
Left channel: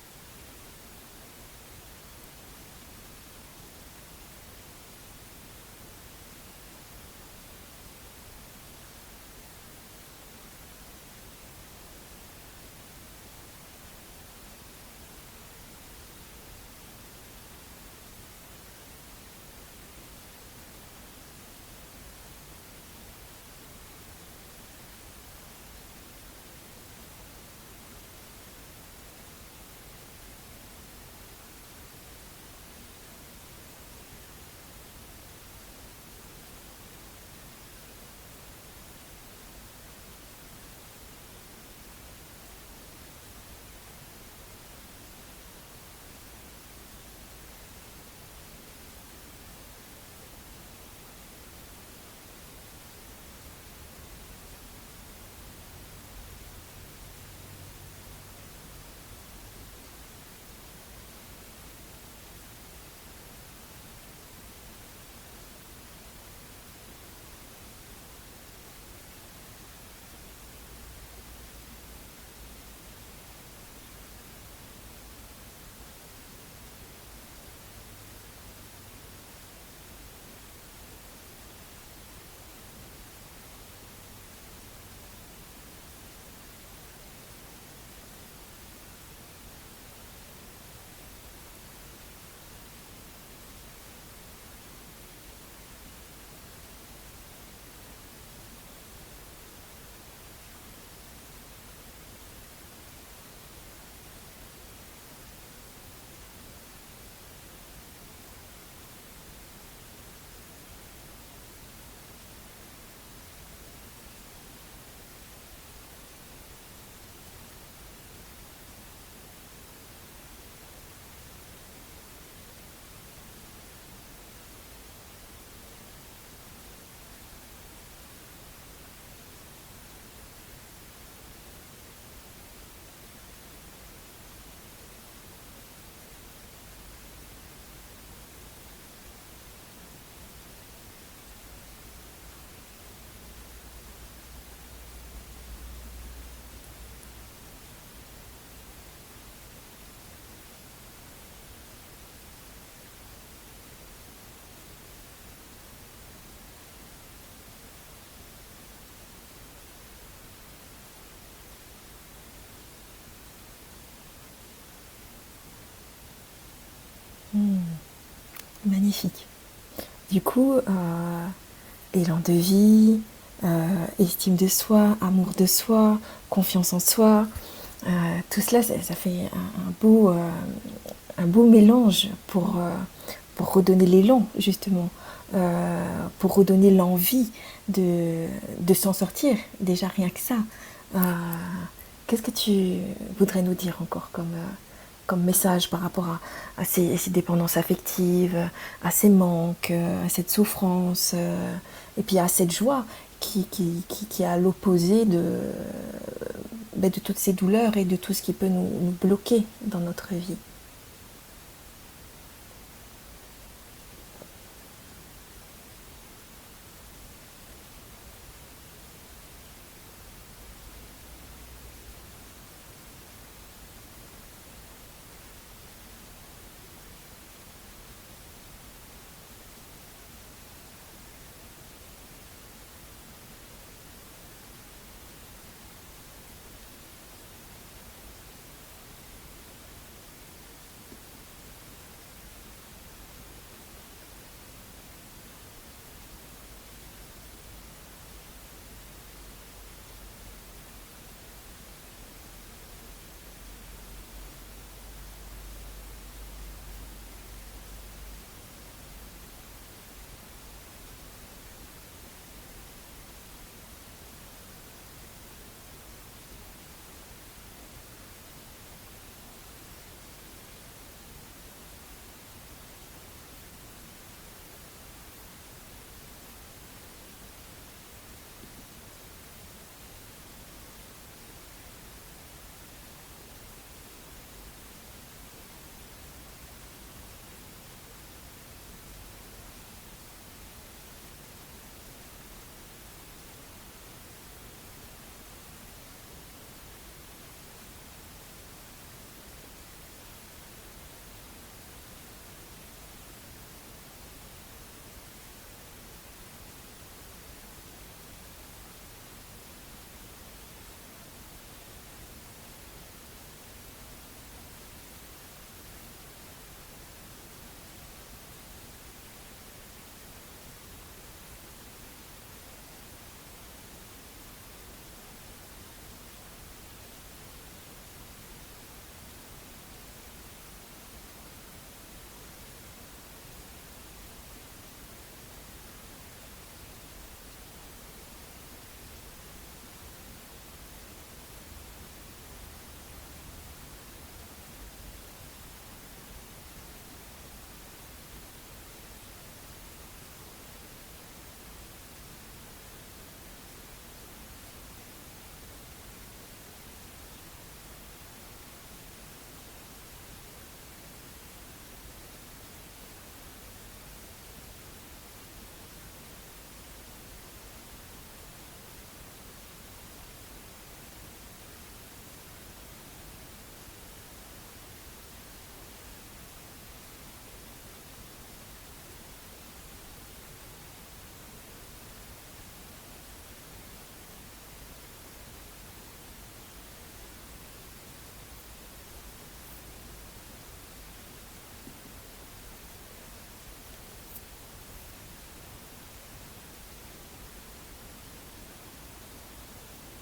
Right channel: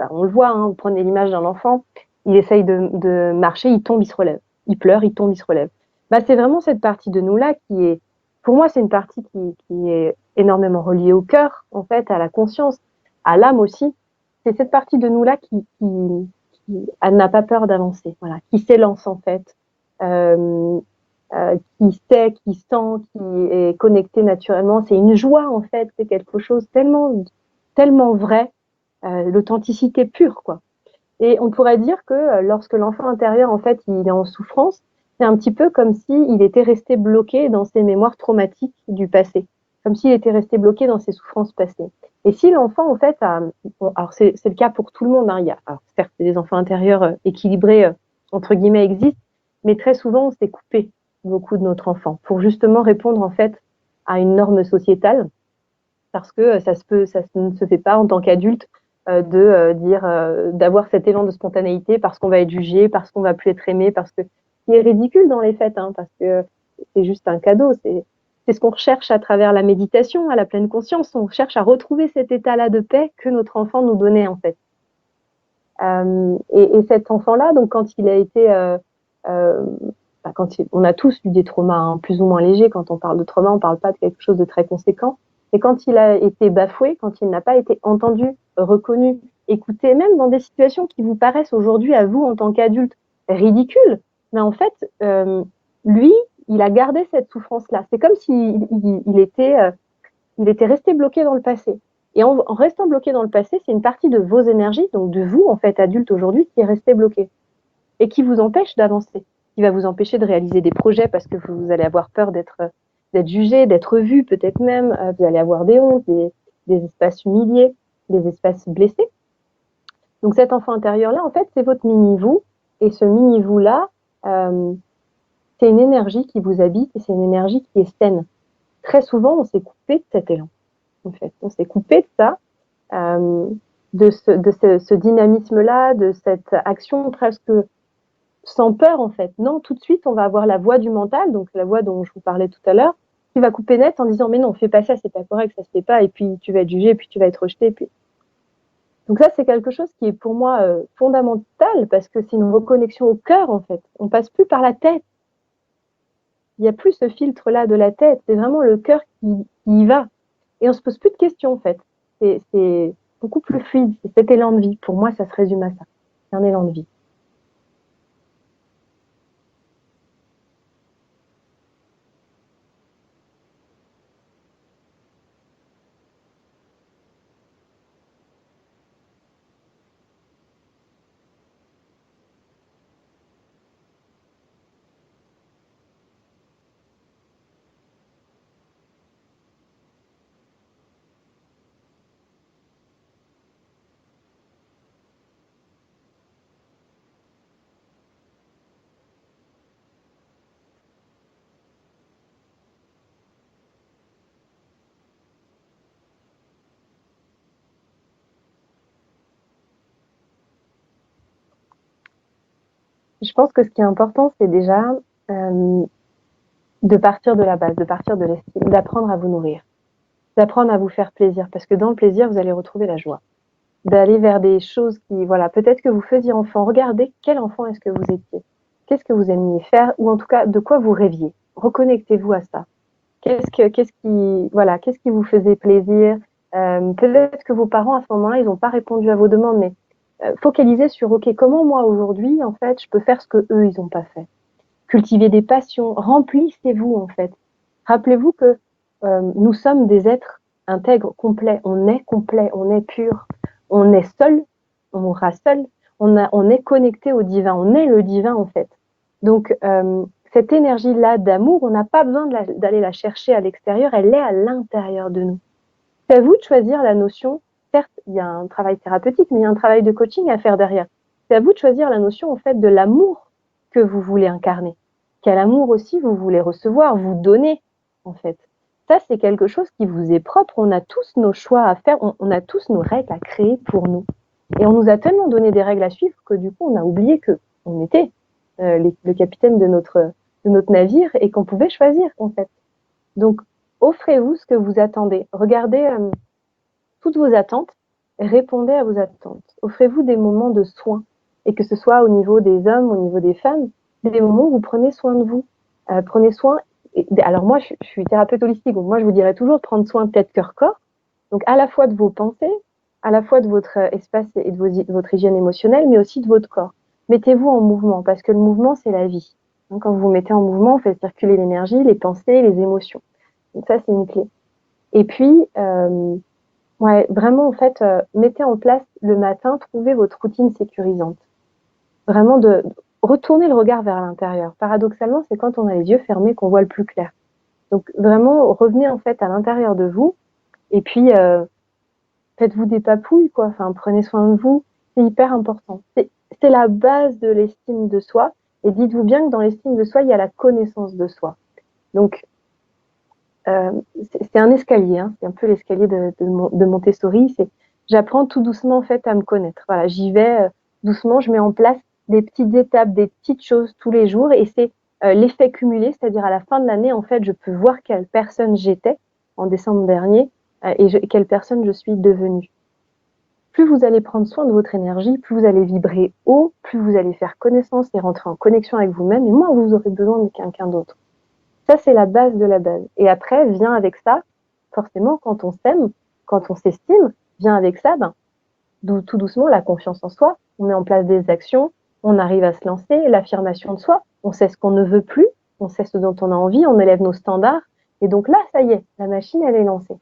on le voit, hein, vous prenez l'image d'un enfant, il essaye de marcher, il tombe, il se relève. Il pleure, il tombe, il se relève. C'est vraiment cette partie de nous-là qui est, pour moi, c'est une partie qui est énormément reliée au cœur, en fait, à la conscience, à l'âme aussi. C'est cette partie de nous-là elle n'a pas peur d'avancer, voilà, qui s'élance, en fait, euh, qui sait, qui sent, qui est connecté naturellement. C'est une joie, en fait, c'est quelque chose tellement vrai, l'authenticité pure, quoi. Et on pourrait dire que lorsque l'enfant intérieur, en fait, il est en souffrance, c'est un petit peu comme s'il était resté bloqué dans ses mémoires traumatiques du passé, comme s'il était resté bloqué dans ses souffrances passées. Et si l'enfant, en fait, alors c'est le cas pour tout le monde, hein, alors, certes, des enfants intérieurs équilibrés, entre guillemets, existent, mais très souvent, on s'est coupé beaucoup de notre enfant pour justement répondre, en fait, à une norme sociétale, parce que ça ne se fait pas en tant qu'adulte d'avoir cet élan de spontanéité parce qu'on va être jugé, parce qu'on va plus être aimé, parce que c'est ridicule dans les faits, hein, parce que c'est juste un cadeau. C'est ce qu'on recherche à travers la méditation, à la pleine conscience. On cherche à retrouver cet état-là de paix que notre enfant nous donnait en fait. Et cet enfant-là, donc quand il a été, on a tous eu des traumas hein, plus ou moins légers. Quand on parle de trauma, on parle pas de quelque chose de très conséquent. Et quand il a été bafoué, quand il n'a pas été entendu, reconnu, écouté, même dans des situations qui vous paraissent aujourd'hui à vous en tant qu'adulte ridicules, mais en fait, lui, il a gardé cette souffrance-là. C'est comme s'il il était resté bloqué dans le passé. Et en restant bloqué dans le passé, c'est une partie de vos énergies, donc de vous, en fait, adulte aujourd'hui, qui est resté bloqué et qui vous empêche d'avancer, qui va vous empêcher de réaliser des projets parce que vous allez avoir peur d'être jugé, d'être vu, peut-être même, vous allez avoir des hontes, des espaces humiliés, des espaces blessés. Donc cet enfant intérieur-là, en fait, c'est votre mini-vous, et ce mini-vous-là, c'est une énergie qui vous habite, et c'est une énergie qui est saine. Très souvent, on s'est coupé de cet élan. En fait, on s'est coupé de ça, ce dynamisme-là, de cette action presque sans peur, en fait. Non, tout de suite, on va avoir la voix du mental, donc la voix dont je vous parlais tout à l'heure, qui va couper net en disant, mais non, fais pas ça, c'est pas correct, ça se fait pas, et puis tu vas être jugé, et puis tu vas être rejeté, et puis... Donc ça, c'est quelque chose qui est pour moi fondamental, parce que c'est une reconnexion au cœur, en fait. On passe plus par la tête. Il n'y a plus ce filtre-là de la tête, c'est vraiment le cœur qui y va. Et on se pose plus de questions, en fait. C'est beaucoup plus fluide, c'est cet élan de vie. Pour moi, ça se résume à ça. C'est un élan de vie. Magnifique. Du coup, élan de vie, estime de soi, amour de soi, confiance en soi, tout cela, ça fait un beau mélange pour redonner l'élan, justement, pour redonner l'envie de s'en sortir, déjà rien que ça. Euh, Qu'est-ce que tu voudrais nous dire encore comme message par rapport à ces dépendances affectives, à ces manques, à cette souffrance Et puis il y a cette joie qui est à l'opposé de toutes ces douleurs et de tout ce qui peut nous bloquer dans notre vie. Je pense que ce qui est important, c'est déjà euh, de partir de la base, de partir de l'estime, d'apprendre à vous nourrir, d'apprendre à vous faire plaisir, parce que dans le plaisir, vous allez retrouver la joie. D'aller vers des choses qui, voilà, peut-être que vous faisiez enfant. Regardez quel enfant est-ce que vous étiez. Qu'est-ce que vous aimiez faire, ou en tout cas, de quoi vous rêviez. Reconnectez-vous à ça. Qu'est-ce qui vous faisait plaisir? Peut-être que vos parents, à ce moment-là, ils n'ont pas répondu à vos demandes, mais focalisez sur, OK, comment moi, aujourd'hui, en fait, je peux faire ce que eux, ils n'ont pas fait. Cultivez des passions, remplissez-vous, en fait. Rappelez-vous que nous sommes des êtres intègres, complets, on est pur, on est seul, on mourra seul, on est connecté au divin, on est le divin, en fait. Donc, cette énergie-là d'amour, on n'a pas besoin d'aller la chercher à l'extérieur, elle est à l'intérieur de nous. C'est à vous de choisir la notion. Certes, il y a un travail thérapeutique, mais il y a un travail de coaching à faire derrière. C'est à vous de choisir la notion, en fait, de l'amour que vous voulez incarner. Quel amour aussi vous voulez recevoir, vous donner, en fait. Ça, c'est quelque chose qui vous est propre. On a tous nos choix à faire, on a tous nos règles à créer pour nous. Et on nous a tellement donné des règles à suivre que du coup, on a oublié que on était le capitaine de notre navire et qu'on pouvait choisir, en fait. Donc, offrez-vous ce que vous attendez. Regardez toutes vos attentes et répondez à vos attentes. Offrez-vous des moments de soins, et que ce soit au niveau des hommes, au niveau des femmes, des moments où vous prenez soin de vous. Prenez soin. Alors moi, je suis thérapeute holistique, donc moi je vous dirais toujours de prendre soin tête, cœur, corps. Donc à la fois de vos pensées, à la fois de votre espace et de votre hygiène émotionnelle, mais aussi de votre corps. Mettez-vous en mouvement, parce que le mouvement, c'est la vie. Donc, quand vous vous mettez en mouvement, vous faites circuler l'énergie, les pensées, les émotions. Donc ça, c'est une clé. Et puis, ouais, vraiment, en fait, mettez en place le matin, trouvez votre routine sécurisante. Vraiment de retourner le regard vers l'intérieur. Paradoxalement, c'est quand on a les yeux fermés qu'on voit le plus clair. Donc vraiment, revenez en fait à l'intérieur de vous et puis faites-vous des papouilles, quoi. Enfin, prenez soin de vous. C'est hyper important. C'est la base de l'estime de soi. Et dites-vous bien que dans l'estime de soi, il y a la connaissance de soi. Donc, euh, c'est un escalier, hein. C'est un peu l'escalier de Montessori. J'apprends tout doucement en fait à me connaître. Voilà, j'y vais doucement, je mets en place des petites étapes, des petites choses tous les jours, et c'est l'effet cumulé, c'est-à-dire à la fin de l'année, en fait, je peux voir quelle personne j'étais en décembre dernier quelle personne je suis devenue. Plus vous allez prendre soin de votre énergie, plus vous allez vibrer haut, plus vous allez faire connaissance et rentrer en connexion avec vous-même, et moins vous aurez besoin de quelqu'un d'autre. Ça, c'est la base de la base. Et après, vient avec ça, forcément, quand on s'aime, quand on s'estime, vient avec ça, tout doucement, la confiance en soi. On met en place des actions, on arrive à se lancer, l'affirmation de soi, on sait ce qu'on ne veut plus, on sait ce dont on a envie, on élève nos standards. Et donc là, ça y est, la machine, elle est lancée.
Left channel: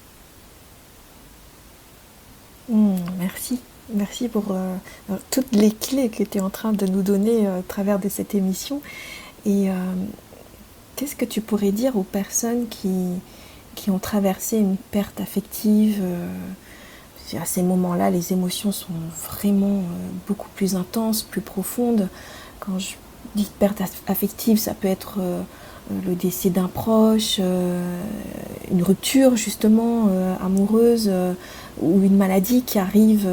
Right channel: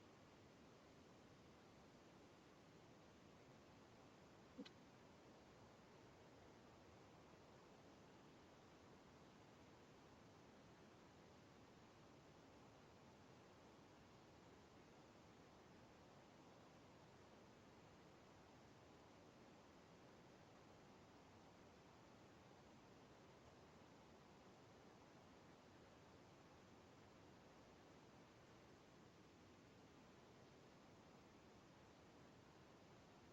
Merci. Merci pour toutes les clés que tu es en train de nous donner à travers de cette émission. Et qu'est-ce que tu pourrais dire aux personnes qui ont traversé une perte affective à ces moments-là, les émotions sont vraiment beaucoup plus intenses, plus profondes. Quand je dis perte affective, ça peut être le décès d'un proche, une rupture justement amoureuse ou une maladie qui arrive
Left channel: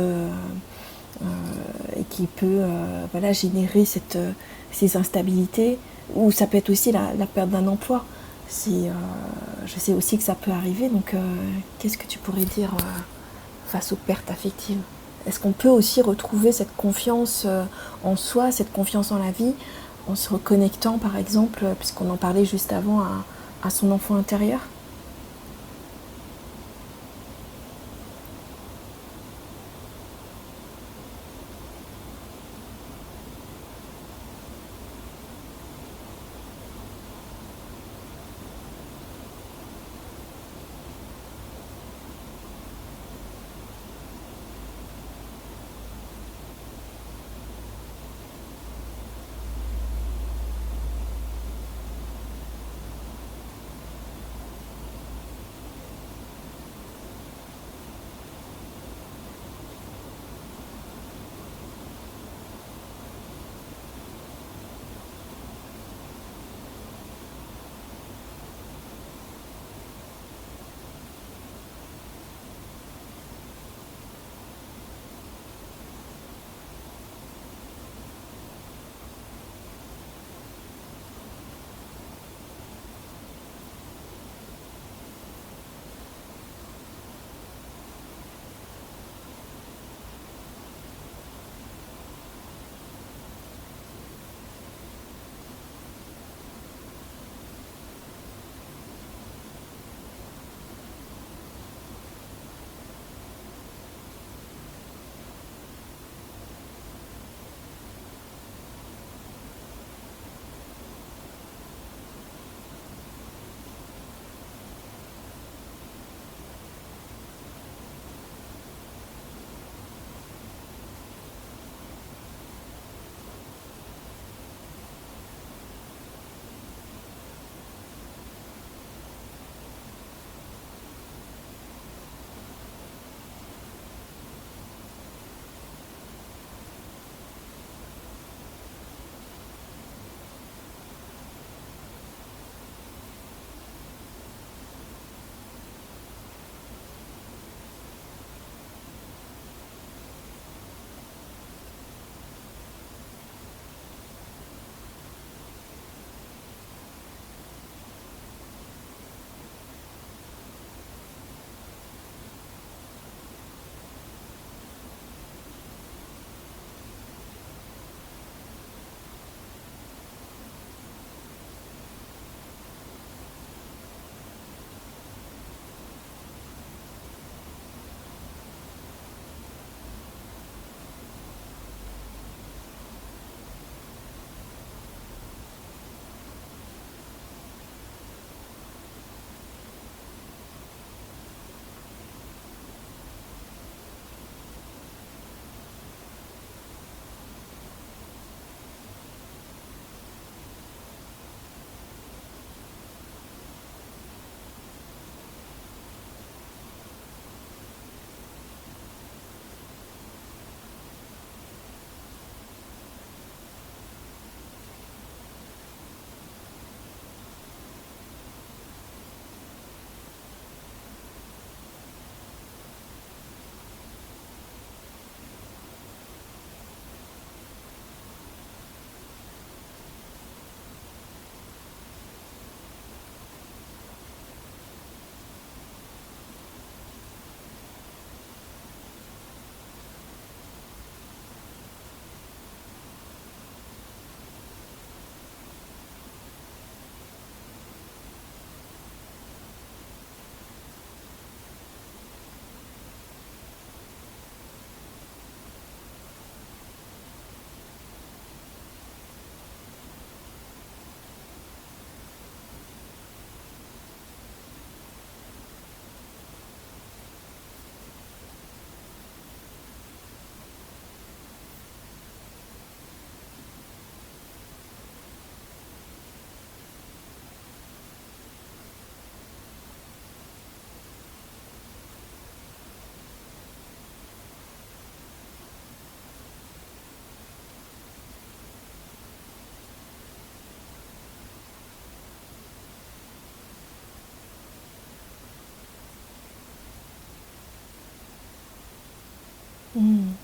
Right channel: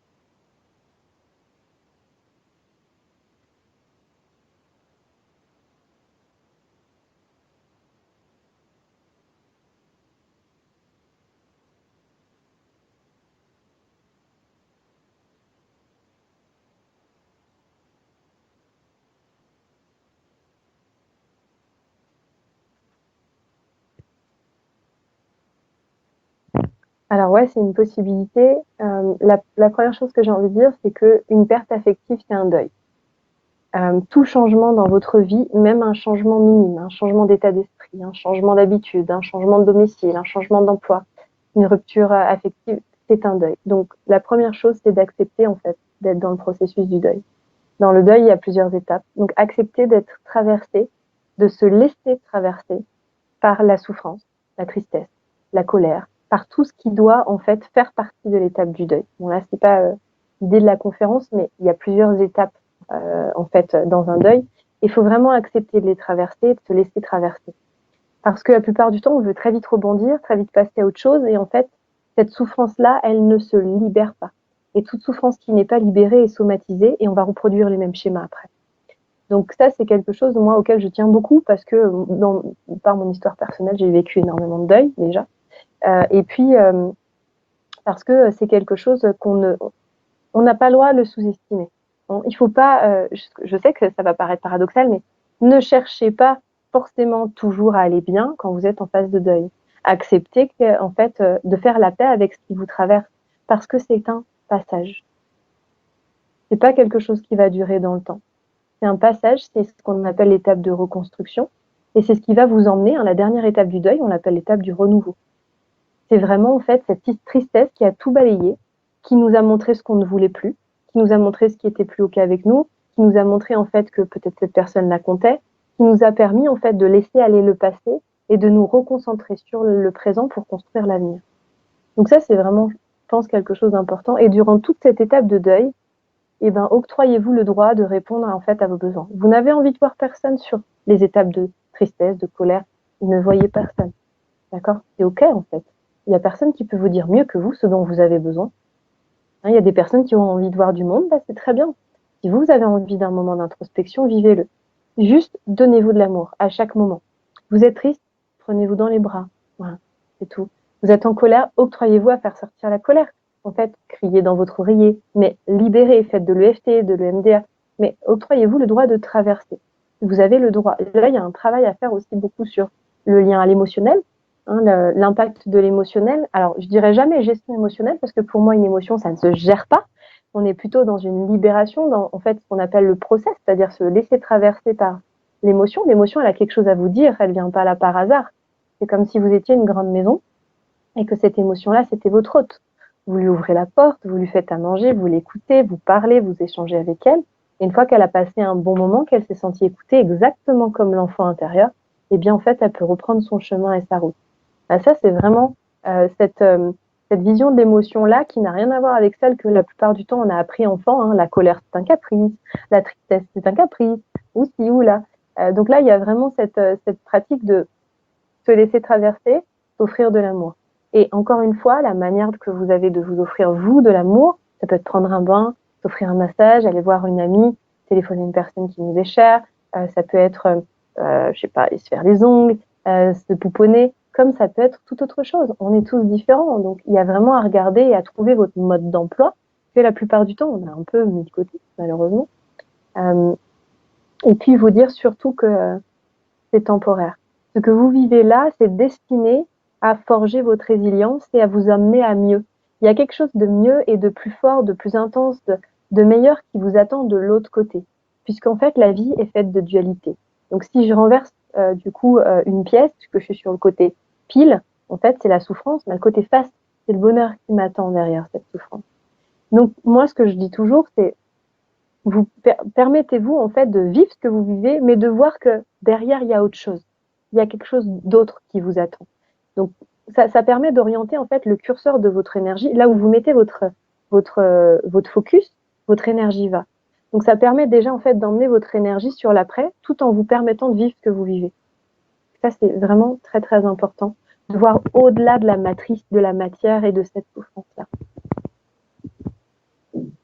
et qui peut voilà, générer ces instabilités. Ou ça peut être aussi la perte d'un emploi. Je sais aussi que ça peut arriver, donc qu'est-ce que tu pourrais dire face aux pertes affectives? Est-ce qu'on peut aussi retrouver cette confiance en soi, cette confiance en la vie, en se reconnectant par exemple, puisqu'on en parlait juste avant, à son enfant intérieur? Alors ouais, c'est une possibilité. La première chose que j'ai envie de dire, c'est qu'une perte affective, c'est un deuil. Tout changement dans votre vie, même un changement minime, un changement d'état d'esprit, un changement d'habitude, un changement de domicile, un changement d'emploi, une rupture affective, c'est un deuil. Donc la première chose, c'est d'accepter en fait d'être dans le processus du deuil. Dans le deuil, il y a plusieurs étapes. Donc accepter d'être traversé, de se laisser traverser par la souffrance, la tristesse, la colère, par tout ce qui doit en fait faire partie de l'étape du deuil. Bon là, c'est pas l'idée de la conférence, mais il y a plusieurs étapes en fait dans un deuil. Il faut vraiment accepter de les traverser, de se laisser traverser. Parce que la plupart du temps, on veut très vite rebondir, très vite passer à autre chose. Et en fait, cette souffrance-là, elle ne se libère pas. Et toute souffrance qui n'est pas libérée est somatisée et on va reproduire les mêmes schémas après. Donc ça, c'est quelque chose, moi, auquel je tiens beaucoup parce que par mon histoire personnelle, j'ai vécu énormément de deuil déjà. Et puis, parce que c'est quelque chose on n'a pas le droit de le sous-estimer. Il faut pas, je sais que ça va paraître paradoxal, mais ne cherchez pas forcément toujours à aller bien quand vous êtes en phase de deuil. Acceptez que, en fait, de faire la paix avec ce qui vous traverse, parce que c'est un passage. C'est pas quelque chose qui va durer dans le temps. C'est un passage, c'est ce qu'on appelle l'étape de reconstruction, et c'est ce qui va vous emmener à la dernière étape du deuil, on l'appelle l'étape du renouveau. C'est vraiment, en fait, cette tristesse qui a tout balayé, qui nous a montré ce qu'on ne voulait plus, qui nous a montré ce qui était plus OK avec nous, qui nous a montré, en fait, que peut-être cette personne la comptait, qui nous a permis, en fait, de laisser aller le passé et de nous reconcentrer sur le présent pour construire l'avenir. Donc ça, c'est vraiment, je pense, quelque chose d'important. Et durant toute cette étape de deuil, eh ben, octroyez-vous le droit de répondre, en fait, à vos besoins. Vous n'avez envie de voir personne sur les étapes de tristesse, de colère, vous ne voyez personne. D'accord? C'est OK, en fait. Il y a personne qui peut vous dire mieux que vous ce dont vous avez besoin. Hein, il y a des personnes qui ont envie de voir du monde, bah, c'est très bien. Si vous avez envie d'un moment d'introspection, vivez-le. Juste donnez-vous de l'amour à chaque moment. Vous êtes triste, prenez-vous dans les bras. Voilà, c'est tout. Vous êtes en colère, octroyez-vous à faire sortir la colère. En fait, criez dans votre oreiller, mais libérez, faites de l'EFT, de l'EMDR, mais octroyez-vous le droit de traverser. Vous avez le droit. Et là, il y a un travail à faire aussi beaucoup sur le lien à l'émotionnel, hein, l'impact de l'émotionnel. Alors, je dirais jamais gestion émotionnelle, parce que pour moi, une émotion, ça ne se gère pas. On est plutôt dans une libération, dans en fait ce qu'on appelle le process, c'est-à-dire se laisser traverser par l'émotion. L'émotion, elle a quelque chose à vous dire, elle vient pas là par hasard. C'est comme si vous étiez une grande maison et que cette émotion-là, c'était votre hôte. Vous lui ouvrez la porte, vous lui faites à manger, vous l'écoutez, vous parlez, vous échangez avec elle. Et une fois qu'elle a passé un bon moment, qu'elle s'est sentie écoutée exactement comme l'enfant intérieur, eh bien en fait, elle peut reprendre son chemin et sa route. Ça, c'est vraiment cette vision de l'émotion-là qui n'a rien à voir avec celle que la plupart du temps on a appris enfant. Hein. La colère, c'est un caprice. La tristesse, c'est un caprice. Ou ci ou là. Donc là, il y a vraiment cette pratique de se laisser traverser, offrir de l'amour. Et encore une fois, la manière que vous avez de vous offrir, vous, de l'amour, ça peut être prendre un bain, offrir un massage, aller voir une amie, téléphoner une personne qui nous est chère. Ça peut être, je sais pas, aller se faire les ongles, se pouponner, comme ça peut être toute autre chose. On est tous différents. Donc, il y a vraiment à regarder et à trouver votre mode d'emploi. Et la plupart du temps, on est un peu mythotique, malheureusement. Euh, et puis, vous dire surtout que c'est temporaire. Ce que vous vivez là, c'est destiné à forger votre résilience et à vous amener à mieux. Il y a quelque chose de mieux et de plus fort, de plus intense, de meilleur qui vous attend de l'autre côté. Puisqu'en fait, la vie est faite de dualité. Donc, si je renverse une pièce, puisque je suis sur le côté pile, en fait, c'est la souffrance, mais le côté face, c'est le bonheur qui m'attend derrière cette souffrance. Donc, moi, ce que je dis toujours, c'est vous permettez-vous en fait de vivre ce que vous vivez, mais de voir que derrière il y a autre chose. Il y a quelque chose d'autre qui vous attend. Donc ça permet d'orienter en fait le curseur de votre énergie là où vous mettez votre focus, votre énergie va. Donc ça permet déjà en fait d'emmener votre énergie sur l'après, tout en vous permettant de vivre ce que vous vivez. Ça c'est vraiment très très important de voir au-delà de la matrice, de la matière et de cette souffrance-là.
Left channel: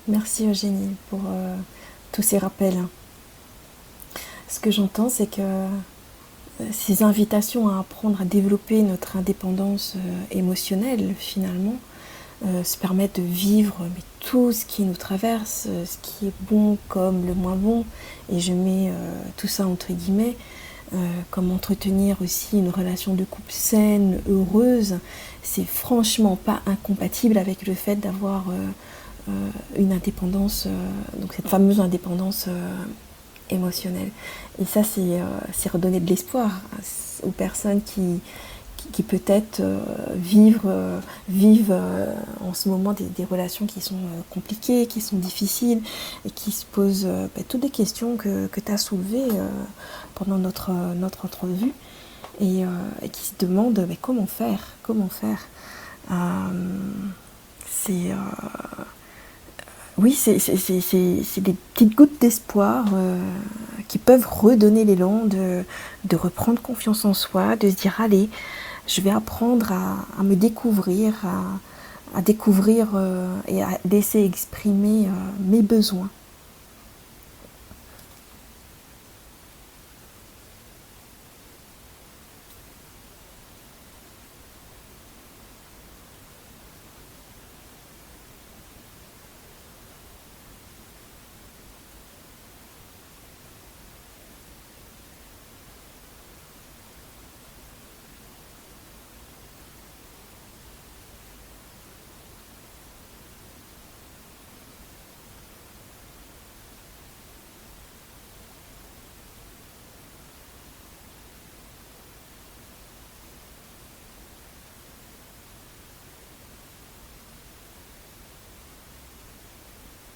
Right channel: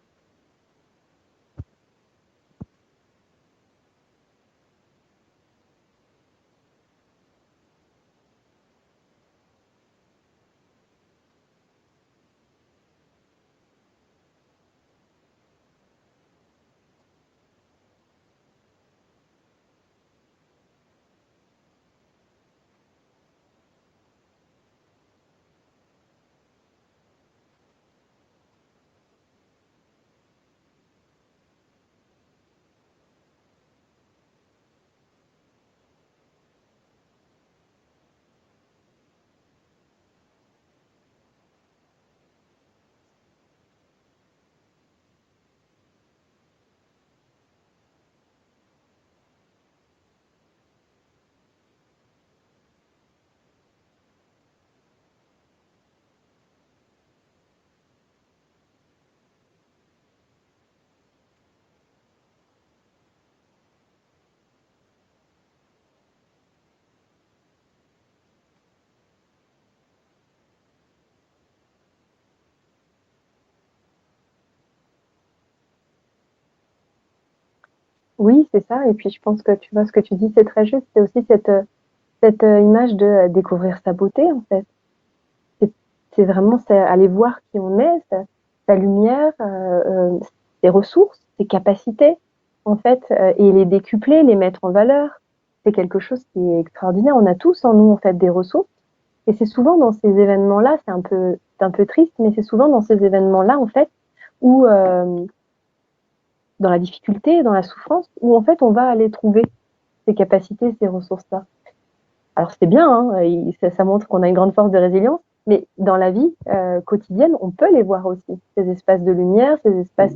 Merci Eugénie pour tous ces rappels. Ce que j'entends, c'est que ces invitations à apprendre à développer notre indépendance émotionnelle, finalement, se permettent de vivre mais, tout ce qui nous traverse, ce qui est bon comme le moins bon, et je mets tout ça entre guillemets, comme entretenir aussi une relation de couple saine, heureuse, c'est franchement pas incompatible avec le fait d'avoir une indépendance, donc cette fameuse indépendance émotionnelle. Et ça, c'est redonner de l'espoir aux personnes qui peut-être vivent en ce moment des relations qui sont compliquées, qui sont difficiles, et qui se posent toutes les questions que tu as soulevées pendant notre entrevue, et qui se demandent comment faire. C'est oui, c'est des petites gouttes d'espoir qui peuvent redonner l'élan de reprendre confiance en soi, de se dire allez, je vais apprendre à me découvrir, à découvrir et à laisser exprimer mes besoins. Oui, c'est ça. Et puis, je pense que tu vois, ce que tu dis, c'est très juste. C'est aussi cette image de découvrir sa beauté, en fait. C'est vraiment aller voir qui on est, sa lumière, ses ressources, ses capacités, en fait, et les décupler, les mettre en valeur. C'est quelque chose qui est extraordinaire. On a tous en nous, en fait, des ressources. Et c'est souvent dans ces événements-là, c'est un peu triste, mais c'est souvent dans ces événements-là, en fait, où, dans la difficulté, dans la souffrance, où, en fait, on va aller trouver ces capacités, ces ressources-là. Alors c'est bien, hein, ça montre qu'on a une grande force de résilience, mais dans la vie quotidienne, on peut les voir aussi, ces espaces de lumière, ces espaces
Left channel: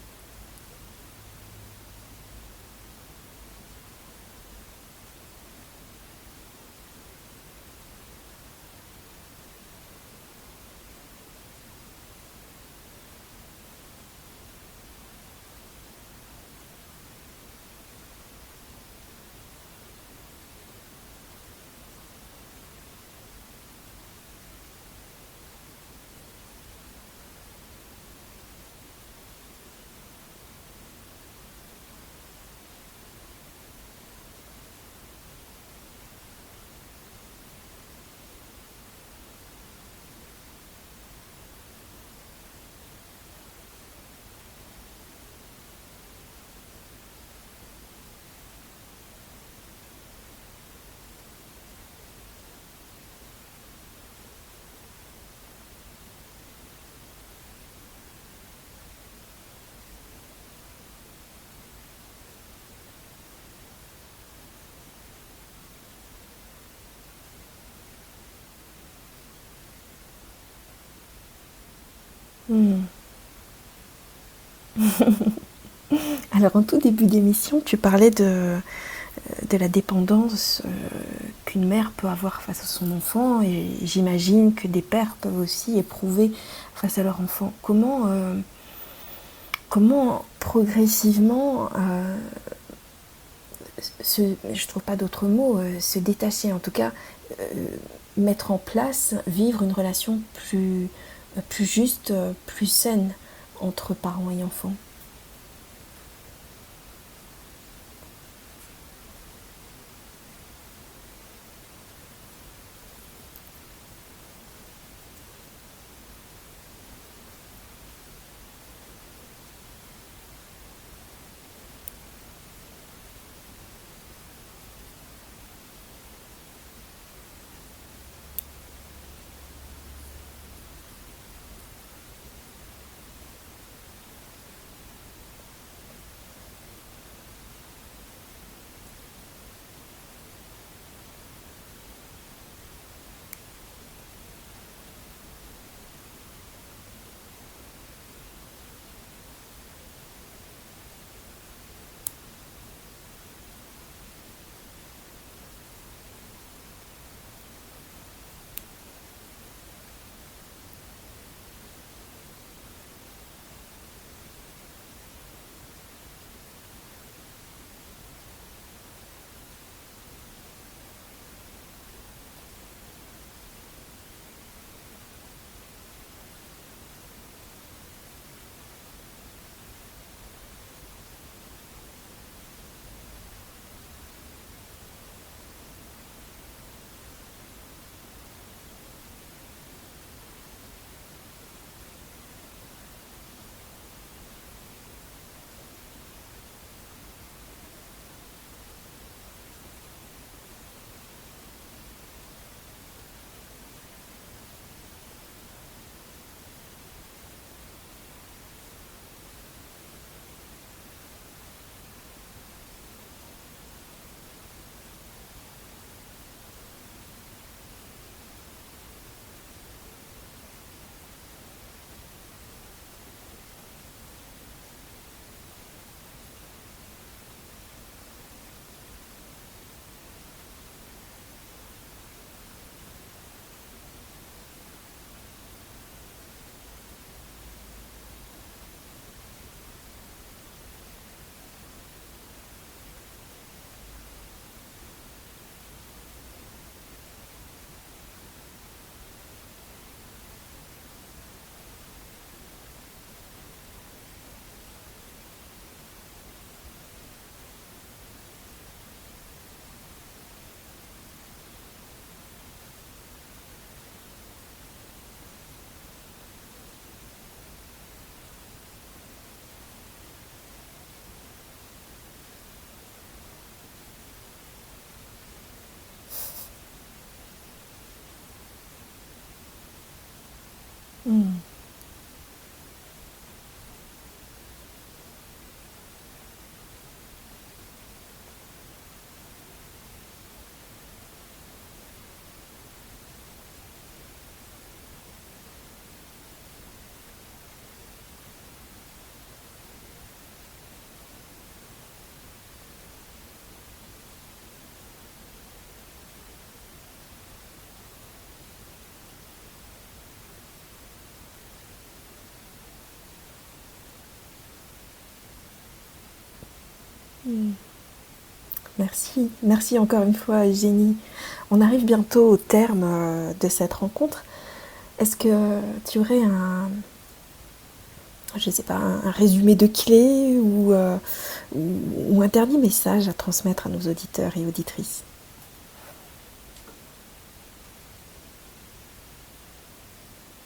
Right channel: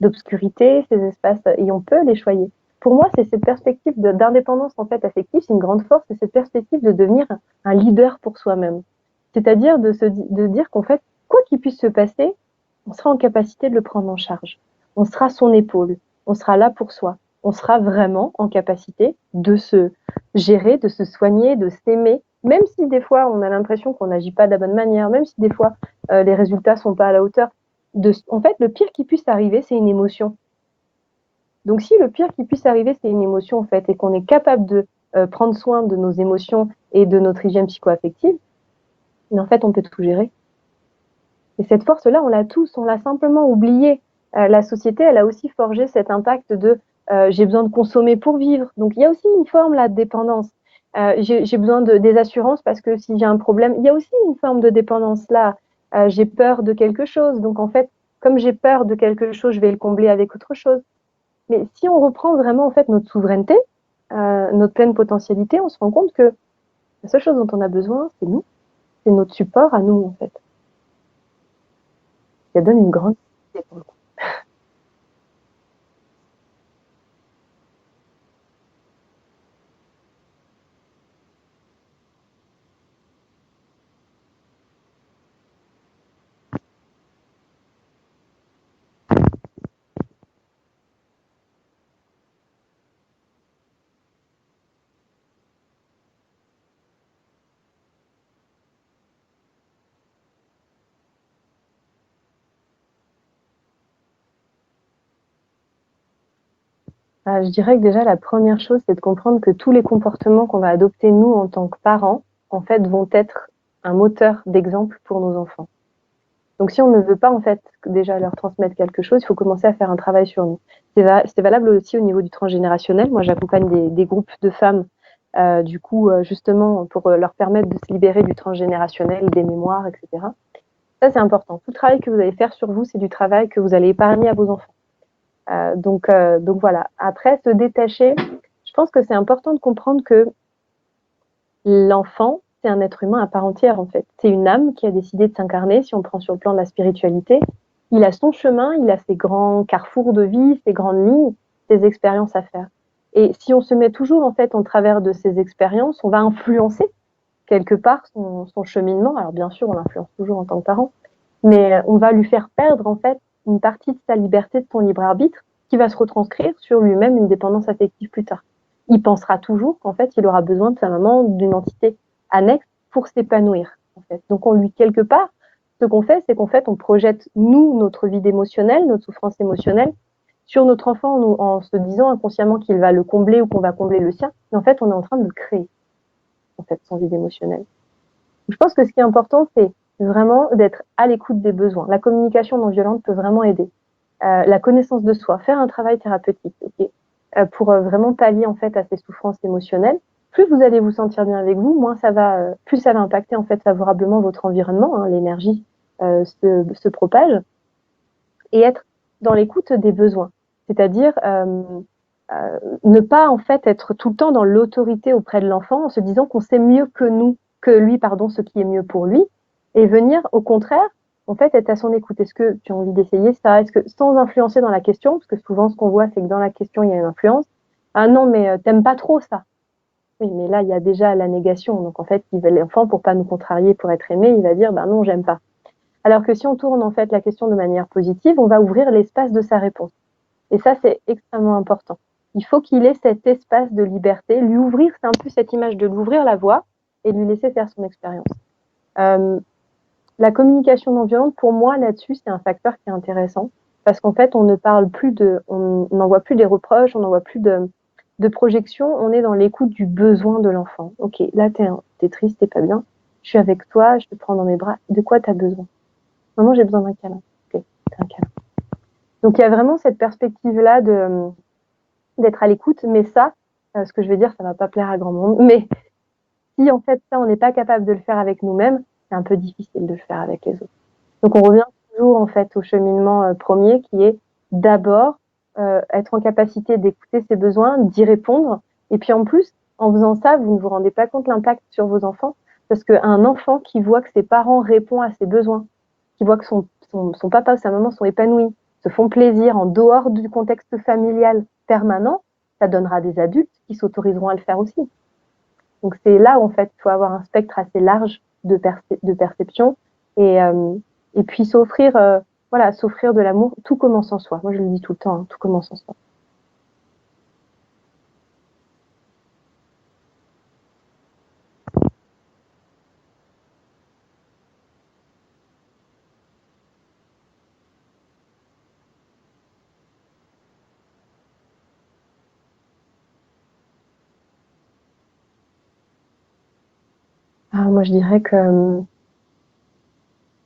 d'obscurité, ces espaces, et on peut les choyer. Pour moi, c'est cette perspective d'indépendance en fait affective, c'est une grande force, c'est cette perspective de devenir un leader pour soi-même. C'est-à-dire de dire qu'en fait, quoi qu'il puisse se passer, on sera en capacité de le prendre en charge. On sera son épaule, on sera là pour soi, on sera vraiment en capacité de se gérer, de se soigner, de s'aimer, même si des fois on a l'impression qu'on n'agit pas de la bonne manière, même si des fois les résultats sont pas à la hauteur. En fait, le pire qui puisse arriver, c'est une émotion. Donc si le pire qui puisse arriver, c'est une émotion en fait, et qu'on est capable de prendre soin de nos émotions et de notre hygiène psycho-affective, mais en fait, on peut tout gérer. Et cette force-là, on l'a tous, on l'a simplement oubliée. La société, elle a aussi forgé cet impact de j'ai besoin de consommer pour vivre. Donc il y a aussi une forme là de dépendance. J'ai besoin des assurances parce que si j'ai un problème, il y a aussi une forme de dépendance là. J'ai peur de quelque chose. Donc en fait, comme j'ai peur de quelque chose, je vais le combler avec autre chose. Mais si on reprend vraiment en fait notre souveraineté, notre pleine potentialité, on se rend compte que la seule chose dont on a besoin, c'est nous, c'est notre support à nous en fait. Ça donne une grande. Alors en tout début d'émission, tu parlais de la dépendance qu'une mère peut avoir face à son enfant et j'imagine que des pères peuvent aussi éprouver face à leur enfant. Comment progressivement je trouve pas d'autres mots, se détacher, en tout cas euh, mettre en place, vivre une relation plus juste, plus saine entre parents et enfants. Je dirais que déjà, la première chose, c'est de comprendre que tous les comportements qu'on va adopter, nous, en tant que parents, en fait, vont être un moteur d'exemple pour nos enfants. Donc, si on ne veut pas, en fait, déjà leur transmettre quelque chose, il faut commencer à faire un travail sur nous. C'est valable aussi au niveau du transgénérationnel. Moi, j'accompagne des groupes de femmes, du coup, justement, pour leur permettre de se libérer du transgénérationnel, des mémoires, etc. Ça, c'est important. Tout le travail que vous allez faire sur vous, c'est du travail que vous allez épargner à vos enfants. Donc voilà. Après, se détacher, je pense que c'est important de comprendre que l'enfant, c'est un être humain à part entière, en fait. C'est une âme qui a décidé de s'incarner, si on prend sur le plan de la spiritualité. Il a son chemin, il a ses grands carrefours de vie, ses grandes lignes, ses expériences à faire. Et si on se met toujours, en fait, en travers de ces expériences, on va influencer quelque part son cheminement. Alors, bien sûr, on l'influence toujours en tant que parent, mais on va lui faire perdre, en fait, une partie de sa liberté, de son libre arbitre, qui va se retranscrire sur lui-même une dépendance affective plus tard. Il pensera toujours qu'en fait, il aura besoin de sa maman, d'une entité annexe pour s'épanouir. En fait. Donc, on lui, quelque part, ce qu'on fait, c'est qu'en fait, on projette, nous, notre vide émotionnelle, notre souffrance émotionnelle, sur notre enfant en se disant inconsciemment qu'il va le combler ou qu'on va combler le sien. Et en fait, on est en train de le créer, en fait, son vide émotionnel. Je pense que ce qui est important, c'est vraiment d'être à l'écoute des besoins. La communication non violente peut vraiment aider. La connaissance de soi, faire un travail thérapeutique pour vraiment pallier en fait à ces souffrances émotionnelles. Plus vous allez vous sentir bien avec vous, moins ça va, plus ça va impacter en fait favorablement votre environnement. Hein, l'énergie se propage et être dans l'écoute des besoins, c'est-à-dire ne pas en fait être tout le temps dans l'autorité auprès de l'enfant en se disant qu'on sait mieux que lui, pardon, ce qui est mieux pour lui, et venir au contraire, en fait, être à son écoute. Est-ce que tu as envie d'essayer ça? Est-ce que sans influencer dans la question, parce que souvent ce qu'on voit, c'est que dans la question il y a une influence. Ah non, mais t'aimes pas trop ça. Oui, mais là il y a déjà la négation. Donc en fait, l'enfant pour pas nous contrarier, pour être aimé, il va dire ben non, j'aime pas. Alors que si on tourne en fait la question de manière positive, on va ouvrir l'espace de sa réponse. Et ça, c'est extrêmement important. Il faut qu'il ait cet espace de liberté, lui ouvrir, c'est un peu cette image de lui ouvrir la voie et lui laisser faire son expérience. Euh, la communication non violente, pour moi, là-dessus, c'est un facteur qui est intéressant parce qu'en fait, on ne parle plus on n'envoie plus des reproches, on n'envoie plus de projections, on est dans l'écoute du besoin de l'enfant. Ok, là, t'es triste, t'es pas bien, je suis avec toi, je te prends dans mes bras, de quoi t'as besoin? Maman, j'ai besoin d'un câlin. Ok, un câlin. Donc, il y a vraiment cette perspective-là d'être à l'écoute, mais ça, ce que je vais dire, ça va pas plaire à grand monde, mais si en fait ça, on n'est pas capable de le faire avec nous-mêmes, c'est un peu difficile de le faire avec les autres. Donc on Mm. revient toujours en fait au cheminement premier qui est d'abord être en capacité d'écouter ses besoins, d'y répondre, et puis en plus, en faisant ça, vous ne vous rendez pas compte l'impact sur vos enfants, parce qu'un enfant qui voit que ses parents répondent à ses besoins, qui voit que son papa ou sa maman sont épanouis, se font plaisir en dehors du contexte familial permanent, ça donnera des adultes qui s'autoriseront à le faire aussi. Donc c'est là où en fait il faut avoir un spectre assez large de perception et puis s'offrir voilà, s'offrir de l'amour. Tout commence en soi. Moi je le dis tout le temps, hein, tout commence en soi. Mm. Merci, merci encore une fois Eugénie. On arrive bientôt au terme de cette rencontre. Est-ce que tu aurais je sais pas, un résumé de clés ou un dernier message à transmettre à nos auditeurs et auditrices? Alors, moi je dirais que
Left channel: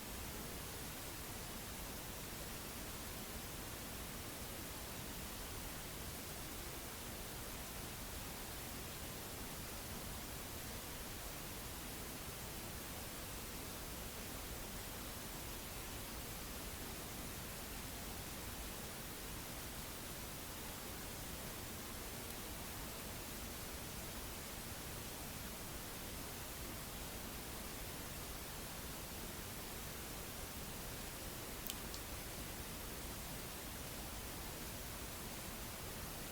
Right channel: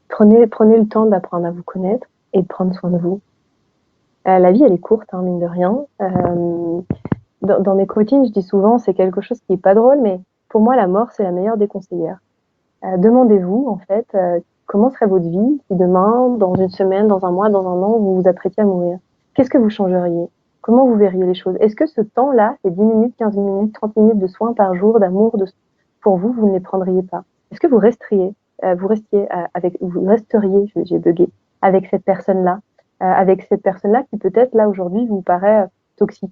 prenez le temps d'apprendre à vous connaître et de prendre soin de vous. La vie elle est courte, hein, mine de rien. Dans mes coachings, je dis souvent, c'est quelque chose qui est pas drôle, mais pour moi la mort c'est la meilleure des conseillères. Demandez-vous, en fait, comment serait votre vie si demain, dans une semaine, dans un mois, dans un an, vous vous apprêtiez à mourir? Qu'est-ce que vous changeriez? Comment vous verriez les choses? Est-ce que ce temps-là, ces 10 minutes, 15 minutes, 30 minutes de soins par jour, d'amour, pour vous, vous ne les prendriez pas? Est-ce que vous resteriez, j'ai bugué, avec cette personne-là, qui peut-être, là, aujourd'hui, vous paraît toxique?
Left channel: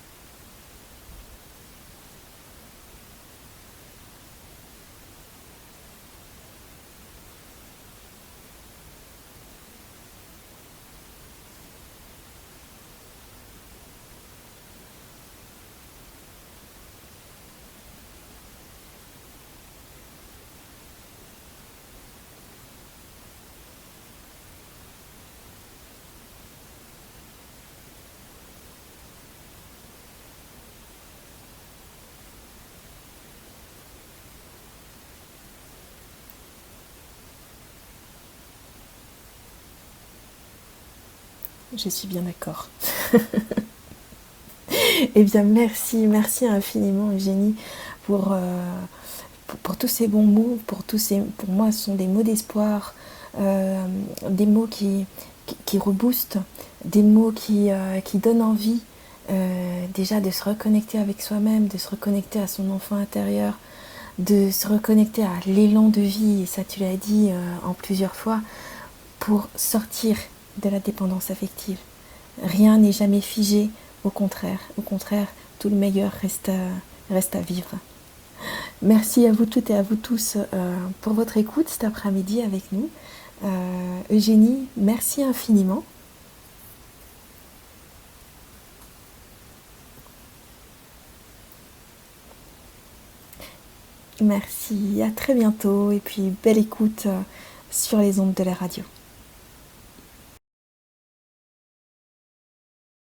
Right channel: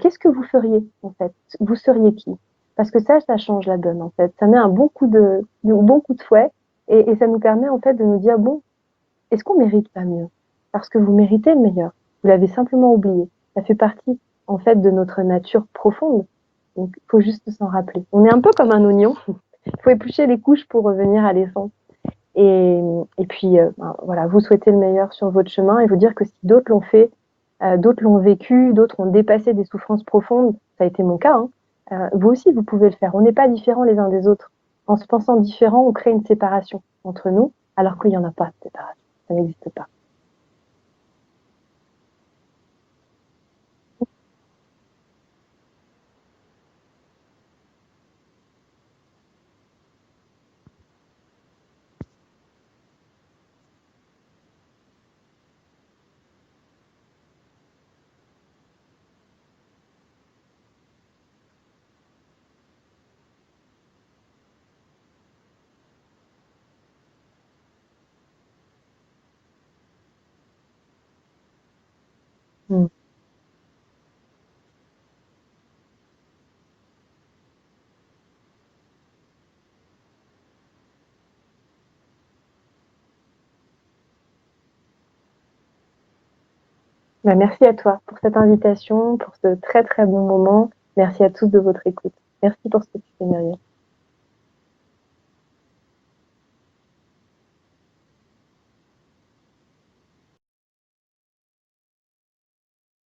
Qu'est-ce que vous feriez, en fait? Vous seriez qui? Parce que ça change la donne, en fait. Ça met un bon coup de fouet et ça nous permet, en fait, de nous dire, bon, est-ce qu'on mérite pas mieux? Parce que vous méritez le meilleur. Vous l'avez simplement oublié. Ça fait partie, en fait, de notre nature profonde. Donc, il faut juste s'en rappeler. On est un peu comme un oignon. Il faut éplucher les couches pour revenir à l'essence. Et puis, voilà, vous souhaitez le meilleur sur votre chemin et vous dire que si d'autres l'ont fait, d'autres l'ont vécu, d'autres ont dépassé des souffrances profondes, ça a été mon cas, hein. Vous aussi, vous pouvez le faire. On n'est pas différents les uns des autres. En se pensant différents, on crée une séparation entre nous, alors qu'il n'y en a pas de séparation. Ça n'existe pas. Je suis bien d'accord. Eh bien, merci, merci infiniment, Eugénie, pour, pour tous ces bons mots, pour moi, ce sont des mots d'espoir, des mots qui reboostent, des mots qui donnent envie déjà de se reconnecter avec soi-même, de se reconnecter à son enfant intérieur, de se reconnecter à l'élan de vie, et ça tu l'as dit en plusieurs fois, pour sortir de la dépendance affective. Rien Mm. n'est jamais figé, au contraire, tout le meilleur reste à vivre. Merci à vous toutes et à vous tous pour votre écoute cet après-midi avec nous. Eugénie, merci infiniment. Bah, merci à toi pour cette invitation, pour ce très très bon moment. Merci à tous de votre écoute. Merci pour ce témoignage. Merci, à très bientôt et puis belle écoute sur les ondes de la radio.